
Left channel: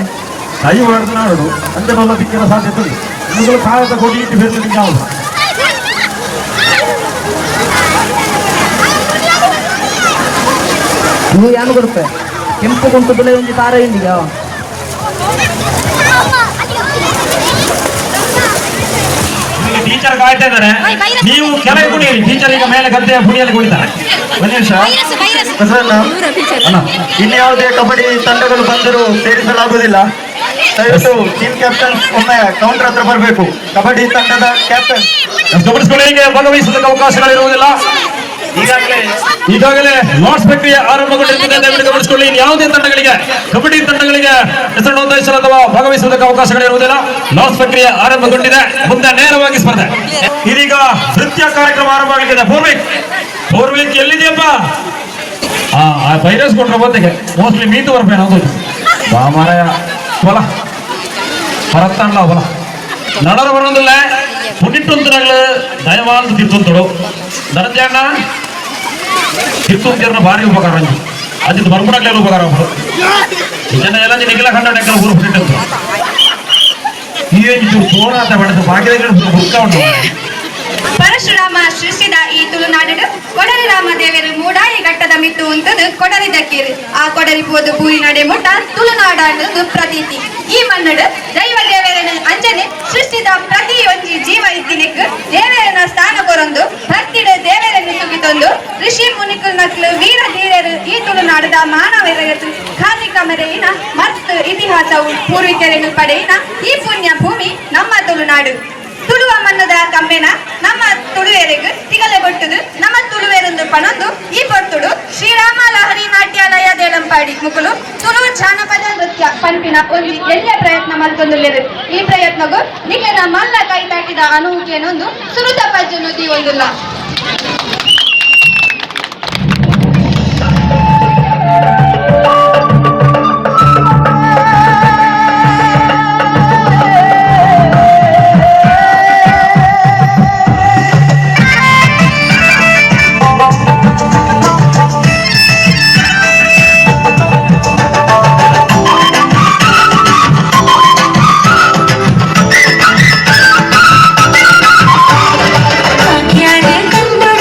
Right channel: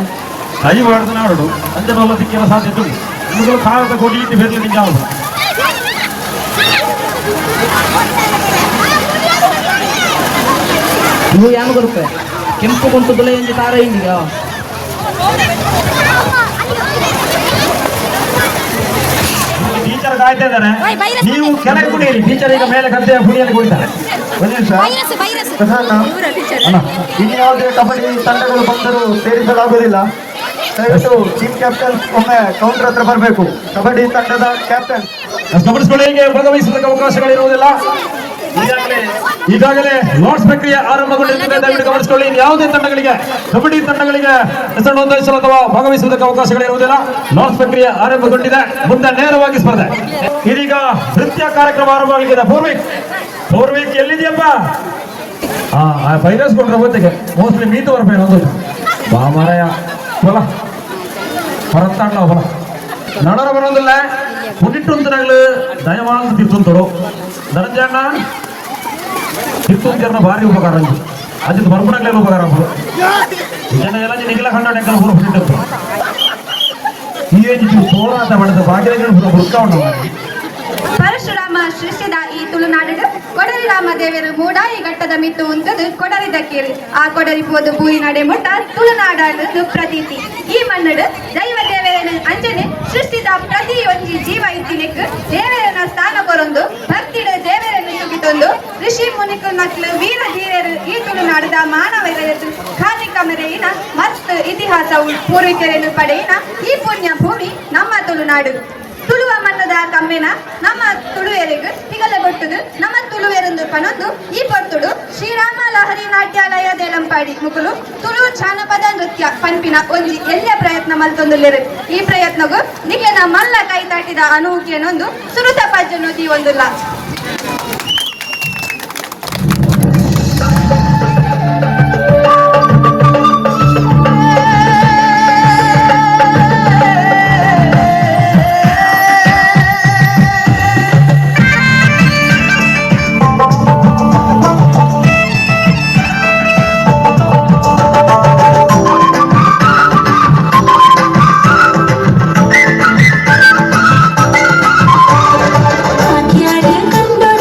ಕೈ ಮಾಡಿದ ನಾಡು ಅಂತೆ ಬಲ್ಲ ತಿಕ್ಕಿನ ಸಾಧ್ಯತೆ ಇದೆ. ಇವುಗಳು ಕಾಯಕ ಕೊಡ್ಲಿಕ್ಕೆ ಬೆರಲಿಕ್ಕೆ ಅವನು ನೀವು ಯಾರು ಬರುತ್ತೆ ಕೆಂಪು ಕುಂಟು ತುಲೆ ಹಿಂದಿ ತಾರ ಹಿಂದಿಗ ಟೀಚರ್ ಕಾಯ್ತಾ ಇದ್ದಾರೆ. ನೀವು ಕೆಳಗೆ ಕುಣಿಯಿರಿ. ಟೀಚರ್ ಈಗ ಮೇಲೆ ಗದ್ದೆಯ ಪುಣಿಯಲ್ಲಿ ಕುಣಿತಾರೆ. ಒಂದು ನಿಮಿಷ ಇಲ್ಲಿ ಯಾವುದೇ ಕಬಡ್ಡಿ ತಂಡಗಳು ಬಂದರೂ ಸೇರಿಸಲಾಗುವುದಿಲ್ಲ. ದಯವಿಟ್ಟು ಟೀಮ್ ಕ್ಯಾಪ್ಟನ್ ಒಮ್ಮೆ ಕೌಂಟರ್ ಹತ್ರ ಬರಬೇಕು. ಕಬಡ್ಡಿ ತಂಡದ ಕ್ಯಾಪ್ಟನ್ ಗಮನಿಸಿಕೊಳ್ಳಿ. ಭಾಗವಹಿಸುವುದಕ್ಕೆ ಅವಕಾಶಗಳಿರುವುದಿಲ್ಲ. ಈಗಾಗಲೇ ಲಾಟ್ಸ್ ಪ್ರಕ್ರಿಯೆ ಆರಂಭಗೊಂಡಿರುತ್ತದೆ. ದಯವಿಟ್ಟು ಗಮನಿಸಿಕೊಳ್ಳಿ. ಯಾವುದೇ ತಂಡಗಳಿಗೆ ಕಬಡ್ಡಿ ತಂಡಗಳಿಗೆ ಹೆಸರು ನೋಂದಾಯಿಸಲು ಅಥವಾ ಭಾಗವಹಿಸುವುದಕ್ಕೆ ಅವಕಾಶಗಳಿರುವುದಿಲ್ಲ. ಲಾಟ್ಸ್ ಪ್ರಕ್ರಿಯೆ ಆರಂಭಗೊಂಡಿದೆ. ಮುಂದೆ ನೇರವಾಗಿ ಸ್ಪರ್ಧೆ. ಇದೀಗ ನೃತ್ಯ ಕಾರ್ಯಕ್ರಮ ಆರಂಭವಾಗಿದೆ. ಪೂರ್ವಿಕ್ ಎಲ್ಲಿದೆಯಪ್ಪ? ವೈರಸ್ ಕೊಂಡ್ರೆ ಮತ್ತೆಗೆ ಮೋಸ್ಟ್ಲಿ ಮೀತು ಬರ್ಬೇನೆ ಅದು ಬಾಮರ ಹೊಲ ಹೊರತಾಂಡ ಹೊಲ ನಡರ ಬರೋದಿಲ್ಲ. ಪುನಿಟ್ಟೊಂದಿನಾಗ್ಲು ದಯವಾದ ತಿರ್ತೊಂತಡು ನರಂಜ ಅಣ್ಣ ತಿರ್ತೊಂದಿರನ ಭಾರಿ ಉಪಕಾರ ಅಜ್ಜಿದ್ ಬರ್ಬಡಾಗ್ಲೇನು ಉಪಕಾರ ಜನ ಎಲ್ಲ ನಿಗಲ ಕಂಡ ಊರು ಪುನಿಟ್ಟಂತ ಈ ತೋರಾಟ ಮಾಡಿದ ಭಾಗ್ಯದಲ್ಲಿ ಬುಕ್ಕವನ್ನು ಪರಶುರಾಮ ಸೃಷ್ಟಿದ ಈ ತುಳುನಾಡು ಕೊಡಲಿ ರಾಮದೇವಿಯರು ಮೂಡಾಯಿ ಘಟ್ಟದ ಮಿತ್ತು ಉಂಟದು ಕೊಡಲಿದಕ್ಕೇರಿ ಆ ಕೊಡಲಿಪೋದು ಬೂರಿ ನಡೆ ಮುಟ್ಟ ತುಳುನಾಡ ಅನ್ನೋದು ಪ್ರತೀತಿ. ಈ ಮನ್ನಡು ದೈವ ದೇವರನ್ನು ಅಂಜನೆ ಸೃಷ್ಟಿದ ಪ್ರತಿ ಒಂಜಿ ಜೀವ ಇದ್ದಿನೆಕ್ ದೇವರನ್ನ ಸ್ಥಾನ ಕೊರೊಂದು ಭಕ್ತಿಡು ದೇವರನ್ನು ತುಗಿತೊಂದು ಋಷಿ ಮುನಿಕುನಕ್ಲು ವೀರ ಧೀರರು ಈ ತುಳುನಾಡದ ಮಾನವರಗತು ಖಾದಿ ಕಮರೆಯಿನ ಮತ್ತು ಇತಿಹಾಸವು ಪೂರ್ವಿಕರನ್ನು ಪಡೆಯಿನ ಈ ಪುಣ್ಯ ಭೂಮಿ ನಮ್ಮ ತುಳುನಾಡು. ತುಳುವ ಮನ್ನದ ಕಮ್ಮೆನ ನಮ್ಮ ತುಳುವೆರೆಗು ತಿಗಲೆ ಬೊಟ್ಟುದು ನಮ್ಮ ತುಳುವೆರೊಂದು ಪಣೊಂದು ಈ ಪೊರ್ತುಡು ಶ್ರೀರಾಮ ಲಹರಿ ನಾಟ್ಯಾಲಯ ದೇಳಂಪಾಡಿ ಮುಕುಲು ತುಳು ಜಾನಪದ ನೃತ್ಯ ಪಂಪಿನ ಒಂದು ಎಲ್ಲ ಪ್ರಯತ್ನ ಮಲ್ತೊಂದುಲ್ಲೆರು. ಈ ಪ್ರಯತ್ನಗೂ ನಿಖರ ಮಲ್ಲ ಕೈ ತಟ್ಟಿದ ಅನುಭೂತಿಯನ್ನೊಂದು ಸುರುತ ಪಜ್ಜನು ತೀವೊಂದುಲ್ಲ. ಕಂಡು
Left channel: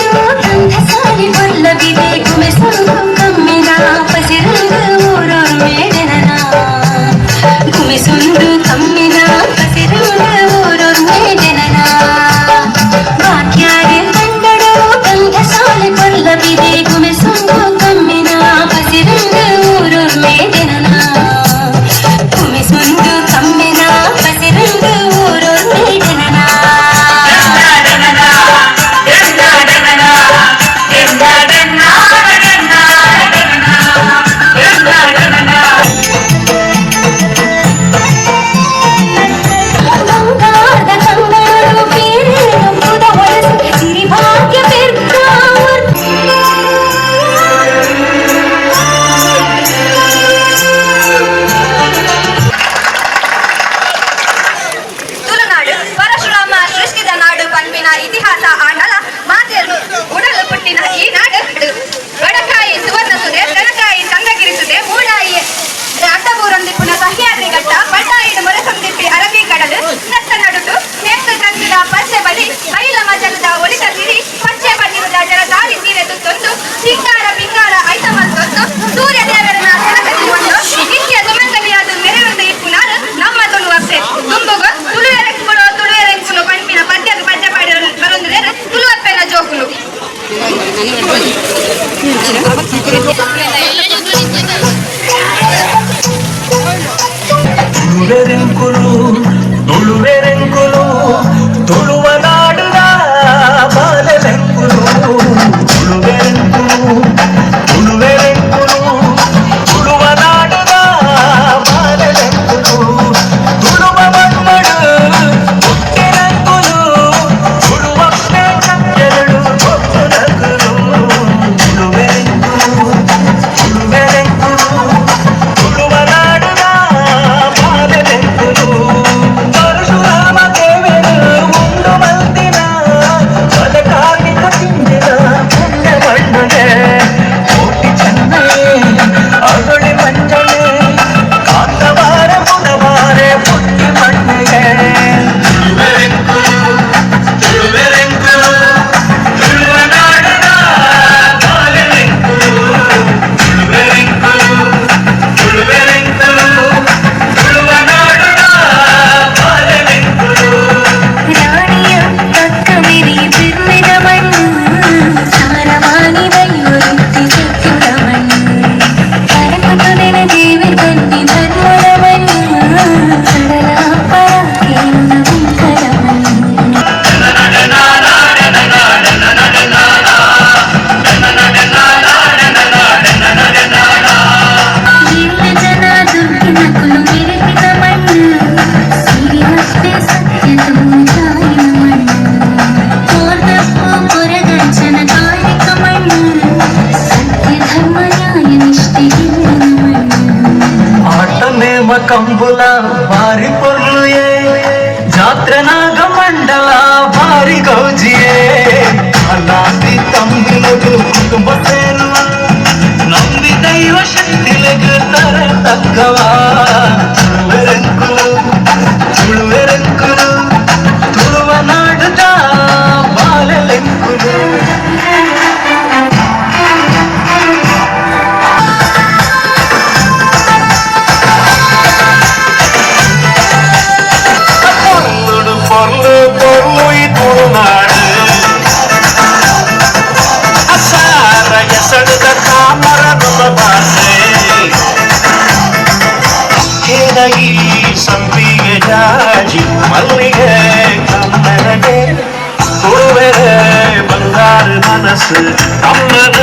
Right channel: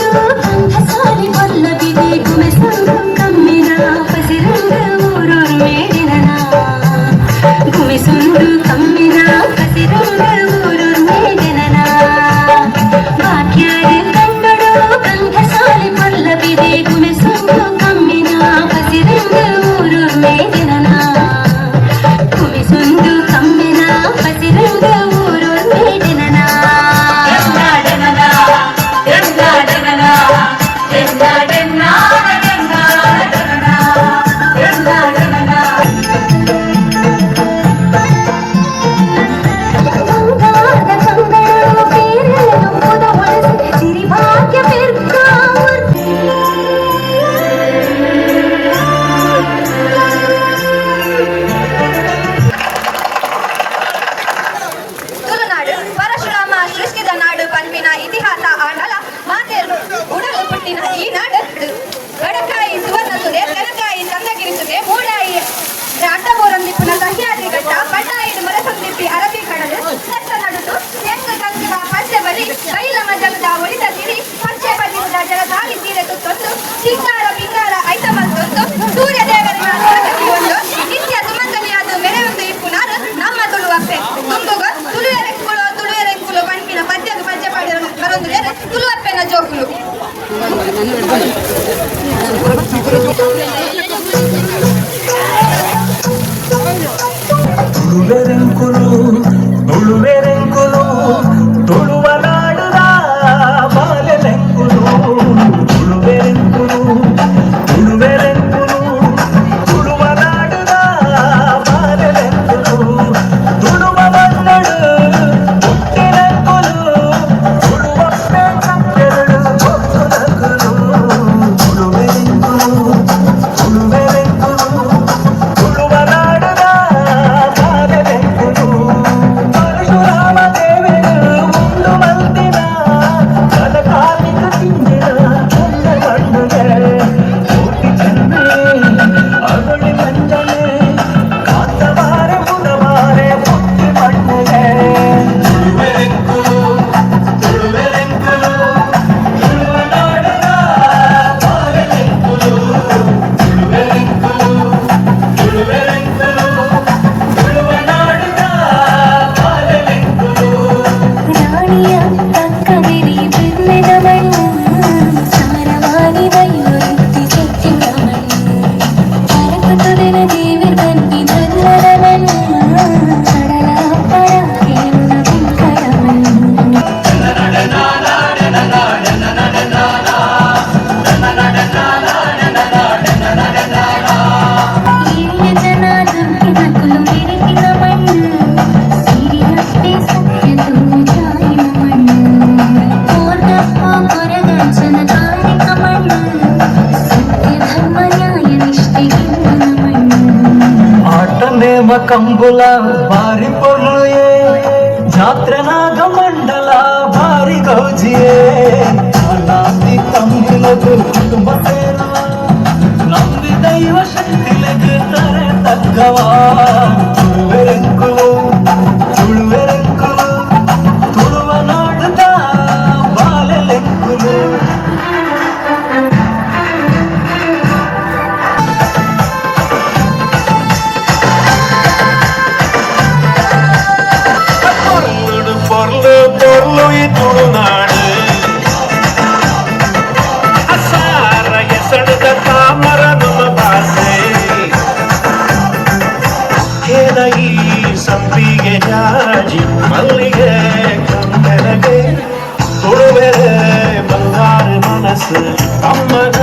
ತುಳುವೆರೆಂಕುಲು ತುಳುವೆರೆಂಕುಲು ತುಳುವ ನಾಡುದ ಬಾಲೆಲೆಂಕುಲು ತುಳುವೆರೆಂಕುಲು ತುಳುವೆರೆಂಕುಲು ತುಳುವ ನಾಡುದ ಬಾಲೆಲೆಂಕುಲು ತುಳುವ ಮಣ್ಣಡು ಹುಟ್ಟಿರಂಕುಲು ತುಳುವ ಎರಡು ಹೊಕ್ಕುನಕುಲು ತುಳುವೆರೆಂಕುಲು ತುಳುವೆರೆಂಕುಲು ತುಳುವ ನಾಡುದ ಬಾಲೆಲೆಂಕುಲು ಪರಶುರಾಮ ದೇವರು ಉಂಡು ಬಂದಿನ ಬಲಕಾಗಿಕ ತಿಂದಿನ ಪುಣ್ಯ ಮಣ್ಣನೆ ಕೋಟಿ ಚೆನ್ನೆ ಅರುಳಿ ಮಂಜನೆ ಕಾಂತವಾರ ಬುಧವಾರೆ ಪುಟ್ಟಿ ಮಣ್ಣಿಗೆ ತುಳುವೆರೆಂಕುಲು ತುಳುವೆರೆಂಕುಲು ತುಳುವ ನಾಡುದ ಬಾಲೆಲೆಂಕುಲು ತುಳುವೆರೆಂಕುಲು ತುಳುವೆರೆಂಕುಲು ತುಳುವ ನಾಡುದ ಬಾಲೆಲೆಂಕುಲು ರಾಣಿಯ ತಕ್ಕವಿರಿ ಬಿರ್ಮಿದ ಮಣ್ಣು ಸಾರವಾನಿ ಬೈಯುತ್ತಿ ಚಕ್ರ ಮಣ್ಣು ಕರಕುತುದಿನ ಜೀವಿ ಬನ್ನಿ ಧರ್ಮದ ಮಣ್ಣು ಸಡಲ ಪರ ಕೇಳುವ ಗುಂಕರ ಮಣ್ಣು ಎಲ್ಲ ಜನ ದುಡ್ಡಿನ ಕುಲು ಮೆರೆತಿನ ಮಣ್ಣು ಸಿರಿವಷ್ಟೇ ಸತ್ಯದ ಜಾಯಿನ ಮಣ್ಣು ಕೋರ್ದಪ್ಪ ಕೊರಗಂಚನ ಕಾಲಿಕ ಮಣ್ಣು ಸತ್ಯ ಧರ್ಮ ನ್ಯಾಯ ನಿಷ್ಠೆ ಹಿಂದಿನ ಮಣ್ಣು ಆಟ ನೇಮ ಕಂಬುಲ ಬಾರಿ ಪೊರ್ಲುಯೇ ಜಾತ್ರನಾಗ ಮಂಡಲ ಬಾರಿ ಗೌಜಿಯೇ ಅಲಾದಿ ತಂಬಿಲದು ಕುಟುಂಬ ಸೇರುವ ನಂಬಿ ದೈವ ಶಕ್ತಿಲೆಗ ತರ ತಕ್ಕವ ತುಳುವೆರೆಂಕುಲು ತುಳುವೆರೆಂಕುಲು ತುಳುವ ನಾಡುದ ಬಾಲೆಲೆಂಕುಲು பொருளு பொருளு பொருளு துளுநாடு அசார எசடுத தாமரதுல பாசೆ ಕೆಳಗಿ ಸಂಪಿಗೆ ಜಾಜಿ ಮಲ್ಲಿಗೆ ಕಮ್ಮನೆಗೆ ಕೊಡುವೆರೆ ಬಂಗಾರ ಮನಸ್ಸು ಅಮ್ಮನ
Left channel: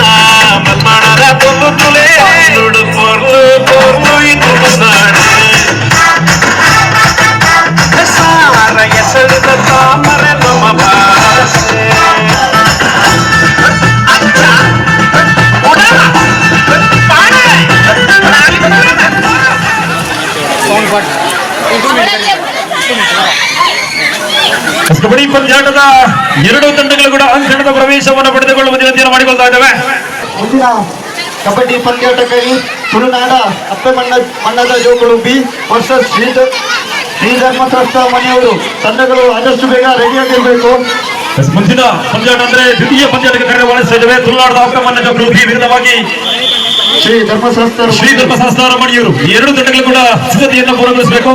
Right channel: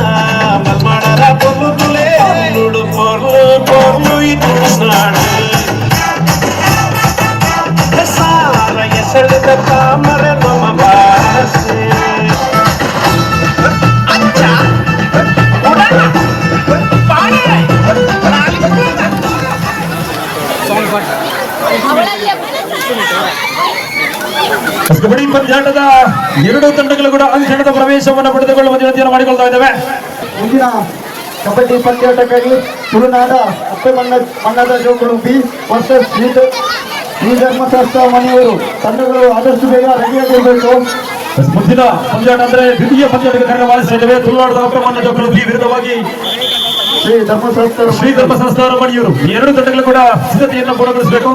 ಮಮ್ಮಣರ ತುಳು ತುಳೆ ತುಳು ಪೊರ್ಲು ಪೊರ್ಲು ತುಳುನಾಡು ಸಾರ ಎಸಳಿದ ತಾಮರೆ ನಮ್ಮ ಭಾಷೆ ಕಬಡ್ಡಿ ಪಂದ್ಯಾಟದ ಎರಡೂ ತಂಡಗಳು ಕೂಡ ಅಂಕಣದ ಪ್ರವೇಶವನ್ನು ಪಡೆದುಕೊಳ್ಳುವ ವಿನಂತಿಯನ್ನು ಮಾಡಿಕೊಳ್ತಾ ಇದ್ದಾವೆ. ಮುಂದಿನ ಕಬಡ್ಡಿ ಪಂದ್ಯಾಟಕ್ಕಾಗಿ ತುಳುನಾಡ ಅಪ್ಪೆ ಮಣ್ಣದ ಜೋಗುಳು ಬಿ ವರ್ಸಸ್ ಶ್ರೀಧರ್ಮ ಟ್ರಸ್ಟ್ ಮನೆಯವರು ತಂಡಗಳು ಆದಷ್ಟು ಬೇಗ ರೆಡಿಯಾಗಿರಬೇಕು. ಮುಂದಿನ ಪಂದ್ಯಾಟ ಅಂದ್ರೆ ದ್ವಿತೀಯ ಪಂದ್ಯಾಟಕ್ಕೆ ಕಾರ್ಯವಾಹಿಸ್ತಾ ಇದ್ದೇವೆ. ತುಳುನಾಡದ ಅಪ್ಪಮನ್ನ ಜೋಗುಳು ಬಿ ವಿರುದ್ಧವಾಗಿ ಶ್ರೀ ಧರ್ಮಶಾಸ್ತ್ರ ಮಣಿಯವರು ಈ ಎರಡು ತಂಡಗಳು ಕೂಡ ಸಿದ್ಧತೆಯನ್ನು ಪೂರ್ಣಗೊಳಿಸಬೇಕು.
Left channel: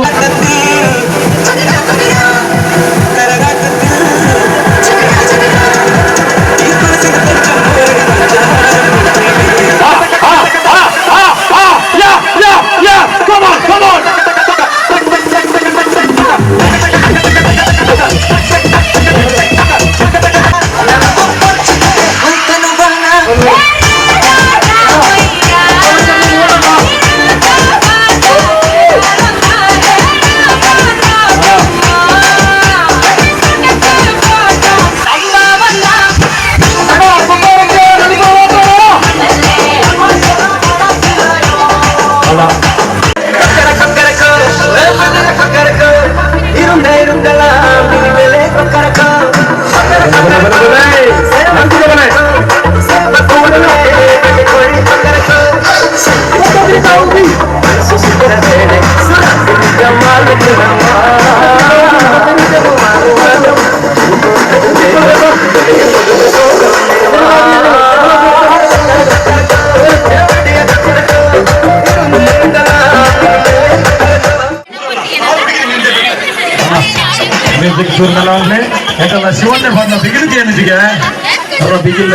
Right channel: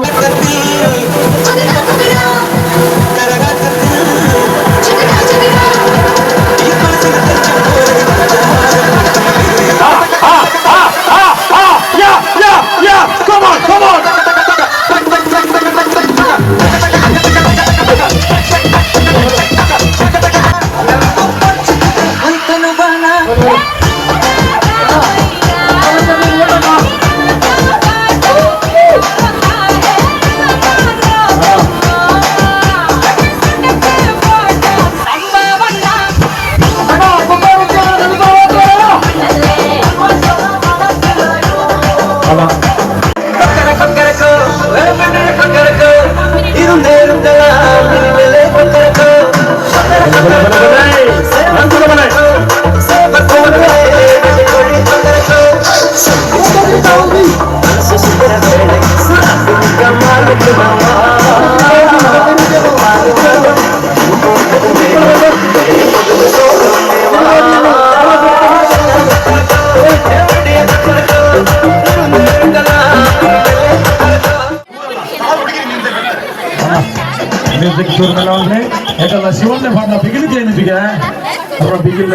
ಮ್ಯೂಸಿಕ್ ಶುರು ಮೇಲೆ ಶಿವಣ್ಣ ಬಂದ ಬಿಗಿಲಿಗೆ ಏನಿದೆ ಅವರ ಬಿಗಿಲ್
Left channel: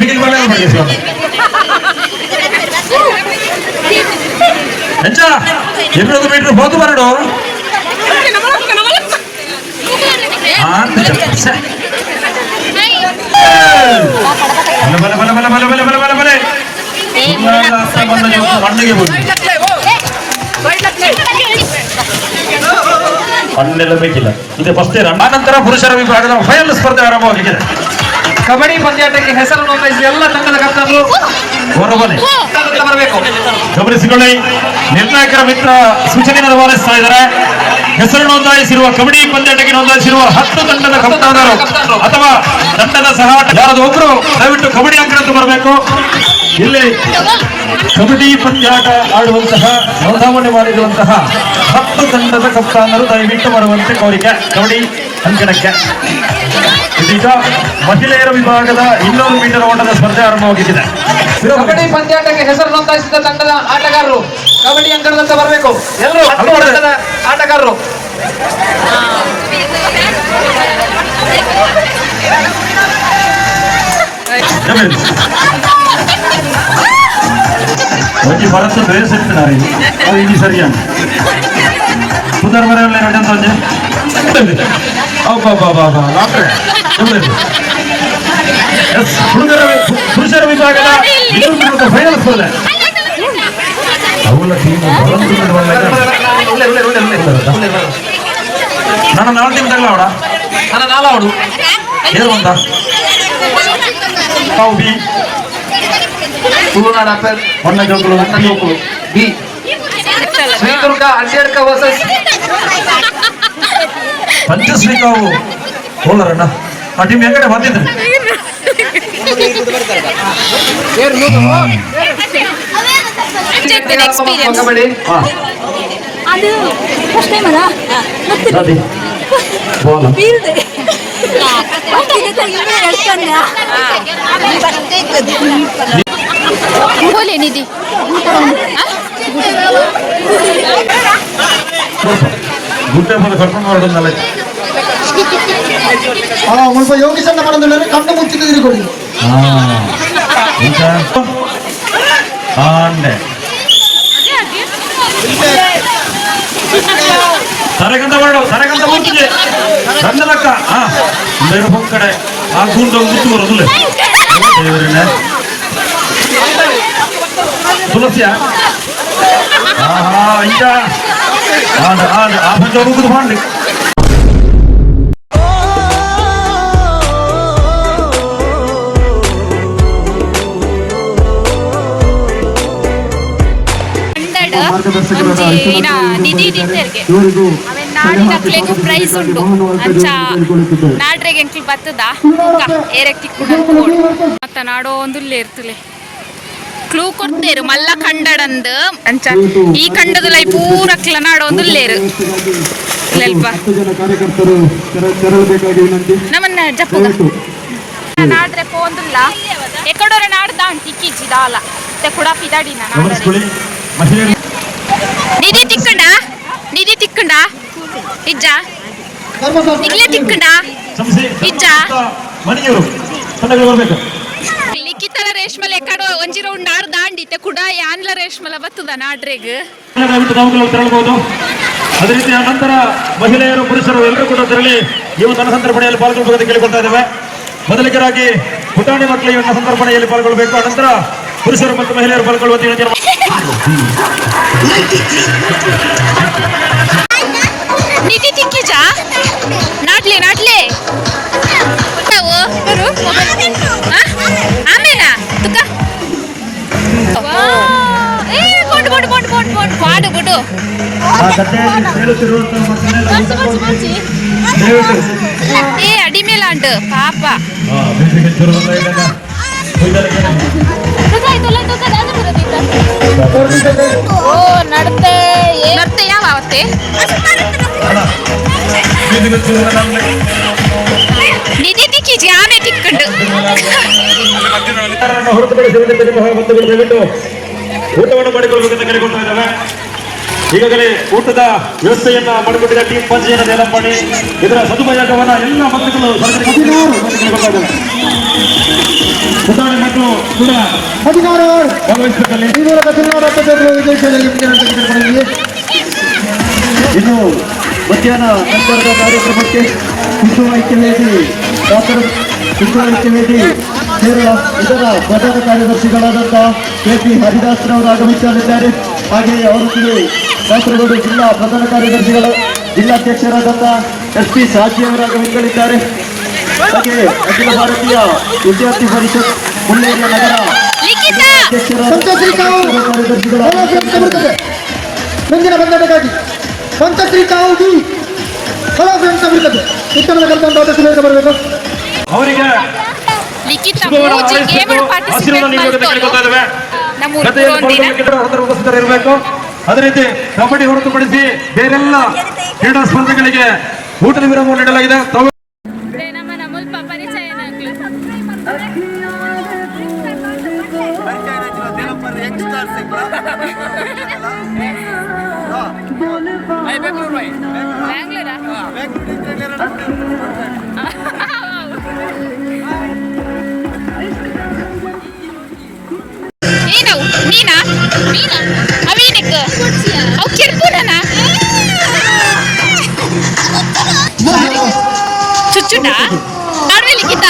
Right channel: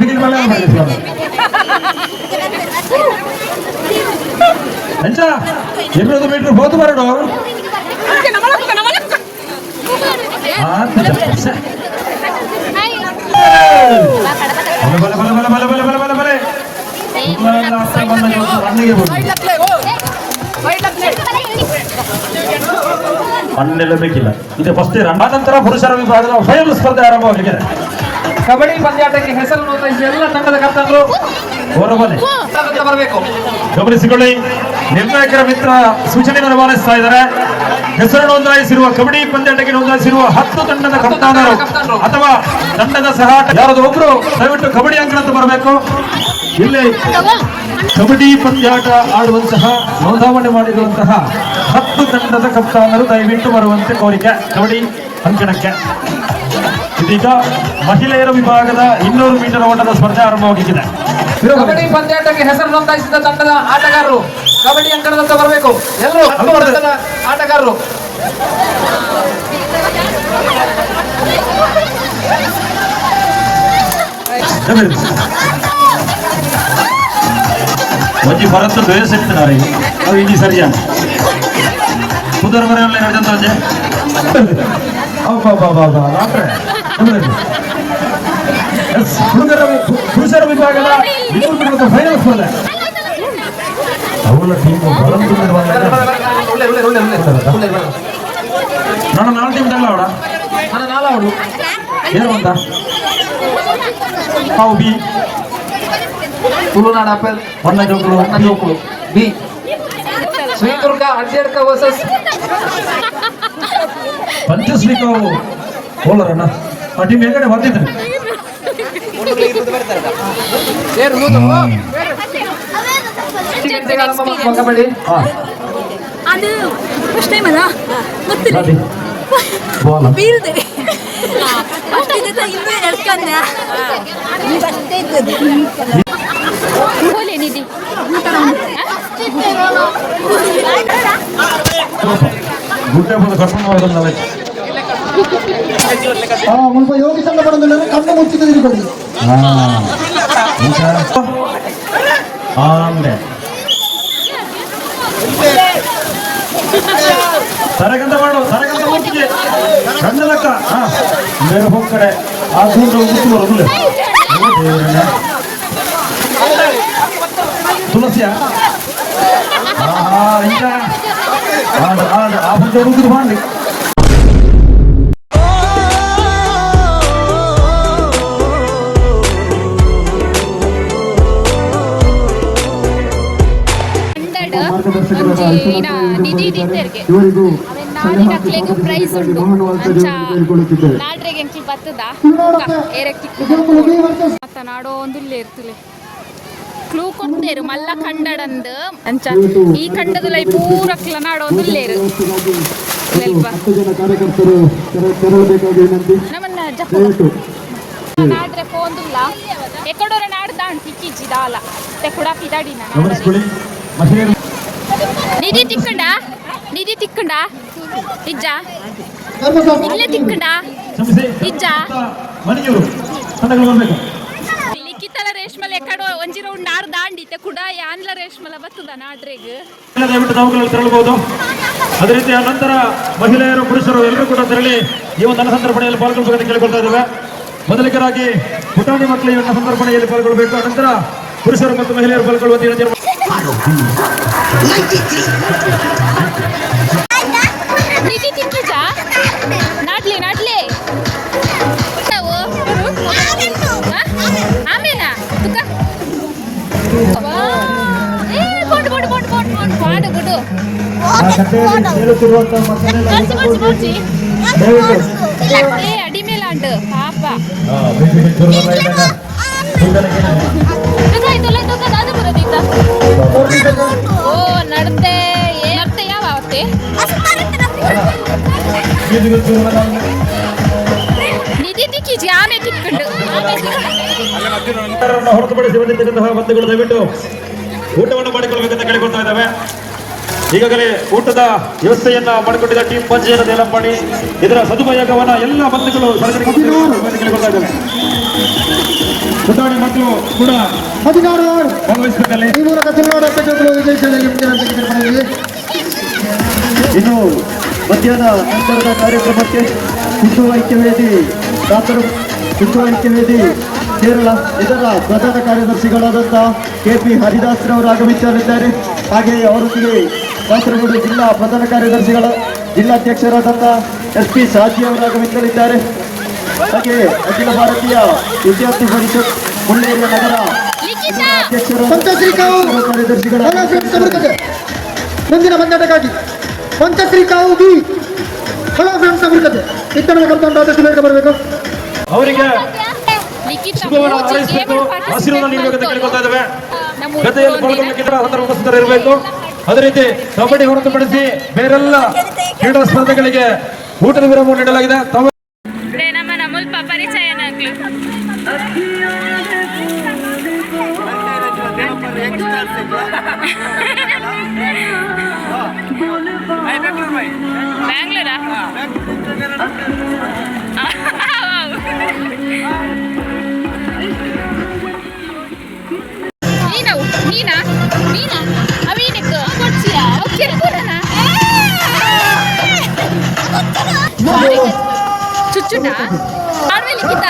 ಬಿಗಿಲ್ ಮೇಲೆ ಮಾಡಿ ಎಂಚ 200 ಮೀಟರ್ ಹೋದು ಬರಡು ಮಣ್ಣಿಗೆ ಮಣ್ಣೆಲ್ಲ ಬೇಕಿಲ್ಲ ಇದು ಫಸ್ಟ್ ಇಯರ್. ಆನಂತರ ಪುರುಷರ ವಿಭಾಗದ ಫೈನಲ್ ಸ್ಪರ್ಧೆ ಆರಂಭವಾಗಿದೆ. ಕಬಡ್ಡಿ ಪಂದ್ಯಾಟಕ್ಕೆ ಹೆಸರು ನೋಂದಾಯಿಸಿದ ಎಲ್ಲ ತಂಡದ ಕರ್ತವ್ಯರು ಹೊರಬನೆ ಬರಬೇಕು. ಗಮನಿಸಿಕೊಳ್ಳಿ, ನಿರ್ಣಾಯಕರ ಮಿತ್ರ ಸೂಚನೆಯನ್ನು ರವಾನಿಸ್ತಾ ಇದ್ದಾರೆ. ಹೆಸರು ನೋಂದಾಯಿಸಿರುವ ಕಬಡ್ಡಿ ಪಂದ್ಯಾಟಕ್ಕೆ ನೋಂದಾಯಿಸಿರುವ 10 ತಂಡದ ಕಪ್ತಾನರು ಅಥವಾ ತಂಡದ ಸಹಾಟ ಯಾರಾದ್ರೂ ಒಬ್ರು ದಯವಿಟ್ಟು ಕಬಡ್ಡಿ ಅಂಕಣಕ್ಕೆ ಬರಬೇಕು. ಇಲ್ಲಿ ಕಬಡ್ಡಿ ಪಂದ್ಯಾಟ ಆಡುವಂತಹ ನೋಂದಾವಣೆ ಮಾಡಿರುವಂತಹ 10 ತಂಡದ ಕಪ್ತಾನರು ದಯವಿಟ್ಟು ಬರುವಂತೆ ಕೋರಿಕೆ ಕಬಡ್ಡಿ ಅಂಕಣಕ್ಕೆ. ಇದೀಗ ಮಹಿಳೆಯರ ವಿಭಾಗದ 200 ಮೀಟರ್ ಓಟದ ಸ್ಪರ್ಧೆ ಆರಂಭವಾಗಿದೆ. ಕಬಡ್ಡಿ ಪಂದ್ಯಾಟಕ್ಕೆ ಹೆಸರು ನೋಂದಾಯಿಸಿದ ತಂಡದ ಆಟಗಾರರು ಕಬಡ್ಡಿ ಅಂಕಣದಂತ ಬರಬೇಕು. ಎಲ್ಲರೂ ತಂಡದ ಆಟಗಾರರು ಒಂಜಿ ಭರತ ಬೇಸಿರ್ತಾರೆ ಇದು ಸರಿಯಾದ ಪುದರ್ ಬರೆಯಲ್ಲ ಎರಡಂತ ಪುರುಷರ ವಿಭಾಗದ ಫೈನಲ್ ಸ್ಪರ್ಧೆ ಅವಳ ಟೀಮು ನನ್ನ 4 ಟೀಮ್ದಾಗಲ್ಲ ಅವಡ ನನ್ನ 4 ಅವಳು ಏನು ಅಂತ ಬಿ ತುಳುನಾಡ ಒಣ್ಣ ಜೋಗುಲು ಬಿ ಶ್ರೀದುರ್ಗ ಅಂಜೇಡ್ಕ ವರ್ಸಸ್ ಪಂಚಶ್ರೀಕಾವು ಹೋಲರಣ್ಣ ಆ ಟೀಮ್ ಹೆಂಗಡೆ ಬಂದಿದ್ರು ಕಬಡ್ಡಿ ನೋಡಿ ಬಾಲ್ ಬೋಲೆ ನಿಧಿ ಗುಡ್ಡೆ ಮೇಲೆ ಕರ್ಕೊಂಡು ಮಾಡೋದಲ್ಲ ಮುಲ್ಪ ಯೋಗಿ ಚಂದ ಪಡೆದ ಕಣ್ಣು ಮುಚ್ಚಿದ ತಿರುಗಿ ಆಂಡೆ ತರಗಂತ ಮಾಡು ತರಗಂತ ಮೂರ್ತಿಗೆ ಸಣ್ಣದಕ್ಕ ಬೇರೆ ಹೋಗ್ ಕಡೆ ಆ ಗುಂಡು ಮುತ್ತು ಬರೋದಿಲ್ಲ ದೇವರನ್ನ ತುಳಸಿಯ ಇಂತ ಆ ಬಂದ ಹುಡುಗದು ಮಾಡಿ ನಾಡಿನಕ್ಲೆಗೂ ಪ್ರೈಸ್ ಉಂಟು ಅಂಚ ನಾಡ್ರೆಗೆ ಎಂಕ್ಲು ಬತ್ತದ ಏರಕ್ಕೆ ಮತ್ತ ನಾಡೋ ಒಂದುಲ್ಲೇ ಇರ್ತಲೆ ಕ್ಲೂ ಕೊಡ್ತೇರು ಮಲ್ಲ ಕಂಡಡಂದು ಅಂಚ ಈ ಕಂಡದ ಲೈ ಪೂರಕ್ಲ ನಾಡೋ ಒಂದುಲ್ಲೇರು ಕಾರ್ಯಕರ್ತರು ತೆರಳಬೇಕಾಗಿ ವಿನಂತಿ. ನಮ್ಮನ್ನ ಜಪ್ಪು ನಾಡ್ರೆ ಪೋಂದುಲ್ಲ ಎಕಡೋರ ನಾಡ್ದ ಟಿಕ್ಕಿಜಿ ದಾಲ ಕೂಡ ಪಿದಾಡಿನ ನಿಧಿ ತಿಕ್ಕಂಡ ಇಜ್ಜ ಇಲ್ಲೇ ತಿಕ್ಕಂಡ ಇಜ್ಜ ಮನೆಯವರು ಬರಬೇಕು. ಲಿಖಿತರ ರೇಷ್ಮಲೆ ಎಕಡೋ ಒಂಜಿ ರೌಂಡ್ ಆರು ದಾಂಡಿತೆ ಕೂಡ ಯಾನ್ಲ ರೇಷ್ಮಲ ಬತ್ತದ ನಾಡ್ರೆಗ್ ದಯವಿಟ್ಟು ನಾವು ತೆರಳಬಹುದು. ಅದೇ ರೀತಿ ನಂತರ ಮಹಿಳೆಯರು ಪುರುಷರು ಎಲ್ಲರೂ ಕೂಡ ತೆರಳಿ ಈ ಒಂದು ಸಂದರ್ಪಣೆಯಲ್ಲಿ ಪಾಲ್ಗೊಳ್ಳಬೇಕು ಕೇಳಿಕೊಳ್ತಾ ಇದ್ದೇವೆ. ಮೊದಲಿಗರಾಗಿ ಪುಟಾಣಿ ಮಕ್ಕಳು ಈ ಒಂದು ಸಂದರ್ಪಣೆಯಲ್ಲಿ ಪಾಲ್ಗೊಳ್ಳಬೇಕು. ಅನಂತರ ಪುರುಷರು ಮತ್ತು ಮಹಿಳೆಯರು ಪಾಲ್ಗೊಳ್ಳುವಂತೆ ಹೇಳ್ತಾರೆ. ನಿಧಿ ತಿಕ್ಕಿಜ ನಾಡ್ಲೆ ಆಮೇಲ ಪಾಡು ಬಿಡು ಏ ಅಡಿಮೇಲಾಂಡ್ ಪಾಪ ಓ ನಡತೆ ಯಾವ ಅವತ್ತೆ ನಿಧಿ ತಿಕ್ಕಿಜಿ ಆಮೆ ತಿಕ್ಕಂಡು ಹೊರತುಪಡಿಸಿರುವಂತೆ ದಯವಿಟ್ಟು ಊಟವನ್ನು ಮಾಡಿಕೊಳ್ಬೇಕಂತ ಕೇಳಿಕೊಳ್ತಾ ಇದ್ದೇವೆ. ಈಗಾಗಲೇ ಊಟದ ವ್ಯವಸ್ಥೆಯನ್ನ ಮಾಡಿಕೊಂಡಿದ್ದ ಟೀಮ್ ಪಂಚಾಯತ್ ಮಾಡಿ ಇದರ ಸದುಪಯೋಗವನ್ನ ಎಲ್ಲ ಬಂಧುಗಳು ಸುಧಾರಣೆ ಮತ್ತು ಕೂಡ ಭಾಗವಹಿಸಬೇಕಲ್ಲಿ. ಇನ್ನು ಮಧ್ಯಾಹ್ನ ನಂತರದ ಕಾರ್ಯಕ್ರಮಕ್ಕೆ ಕುಸುಮ ಐಕ್ಯವೇದಿ ಕೇರಳ ಇದರ ಪ್ರಧಾನ ಕಾರ್ಯದರ್ಶಿಗಳಾದಂತಹ KP ಹರಿದಾಸ್ರವರು ಆಗಮಿಸಲಿದ್ದಾರೆ. ಹಾಗೆಯೇ ಅವರೊಂದಿಗೆ ಕಾಸರಗೋಡು ಜಿಲ್ಲಾ ಪ್ರಧಾನ ಕಾರ್ಯದರ್ಶಿಗಳು ಜಿಲ್ಲಾಧ್ಯಕ್ಷರಾದಂತಹ SP ಸಾಜಿ ಅವರು ಆಗಮಿಸಲಿದ್ದಾರೆ. ಹಾಗೆಯೇ ಅಖಿಲ ಭಾರತೀಯ ವಿದ್ಯಾರ್ಥಿ ಪರಿಷತ್ ಮುಳ್ಳೇರಿಯ ನಗರ ಮುಂದಿನ ಬಂಧನಕ್ಕಾಗಿ ಮಂತ್ರಶ್ರೀ ಕಾವು ಶಿಕ್ಷಣದ ಬರಬೇಕು. ಅವರಿಗೆ ಲಿಖಿತ ಮೂಜಿ ಗೇಮ್ಗಳು ಪಾರ್ಟಿಸಿಪೇಟ್ ಮಾಡ್ತಾರೆ. ನಮ್ಮ ಊರಿನ ಇರಬೇಕು. ಅದೇ ರೀತಿ ಕಬಡ್ಡಿ ಹೊರತುಪಡಿಸಿ ಬೇರೆಲ್ಲ ಕ್ರೀಡಾ ಸ್ಪರ್ಧೆಗಳಿಗೆ ಊಟದ ವಿರಾಮ ನೀಡಲಾಗಿದೆ. ನಮ್ಮ ನಮಲ್ಪ ಪರಿಚಯನಾಗ್ಲು ಬ್ಯಾಂಗ್ಳೂರಾ ಮೀನಾ ಮೀನಾ ಅವೀನಕ್ಕೆ ಚುಚ್ಚುಟ ಆಮೇಲೆ ಲಿಖಿತ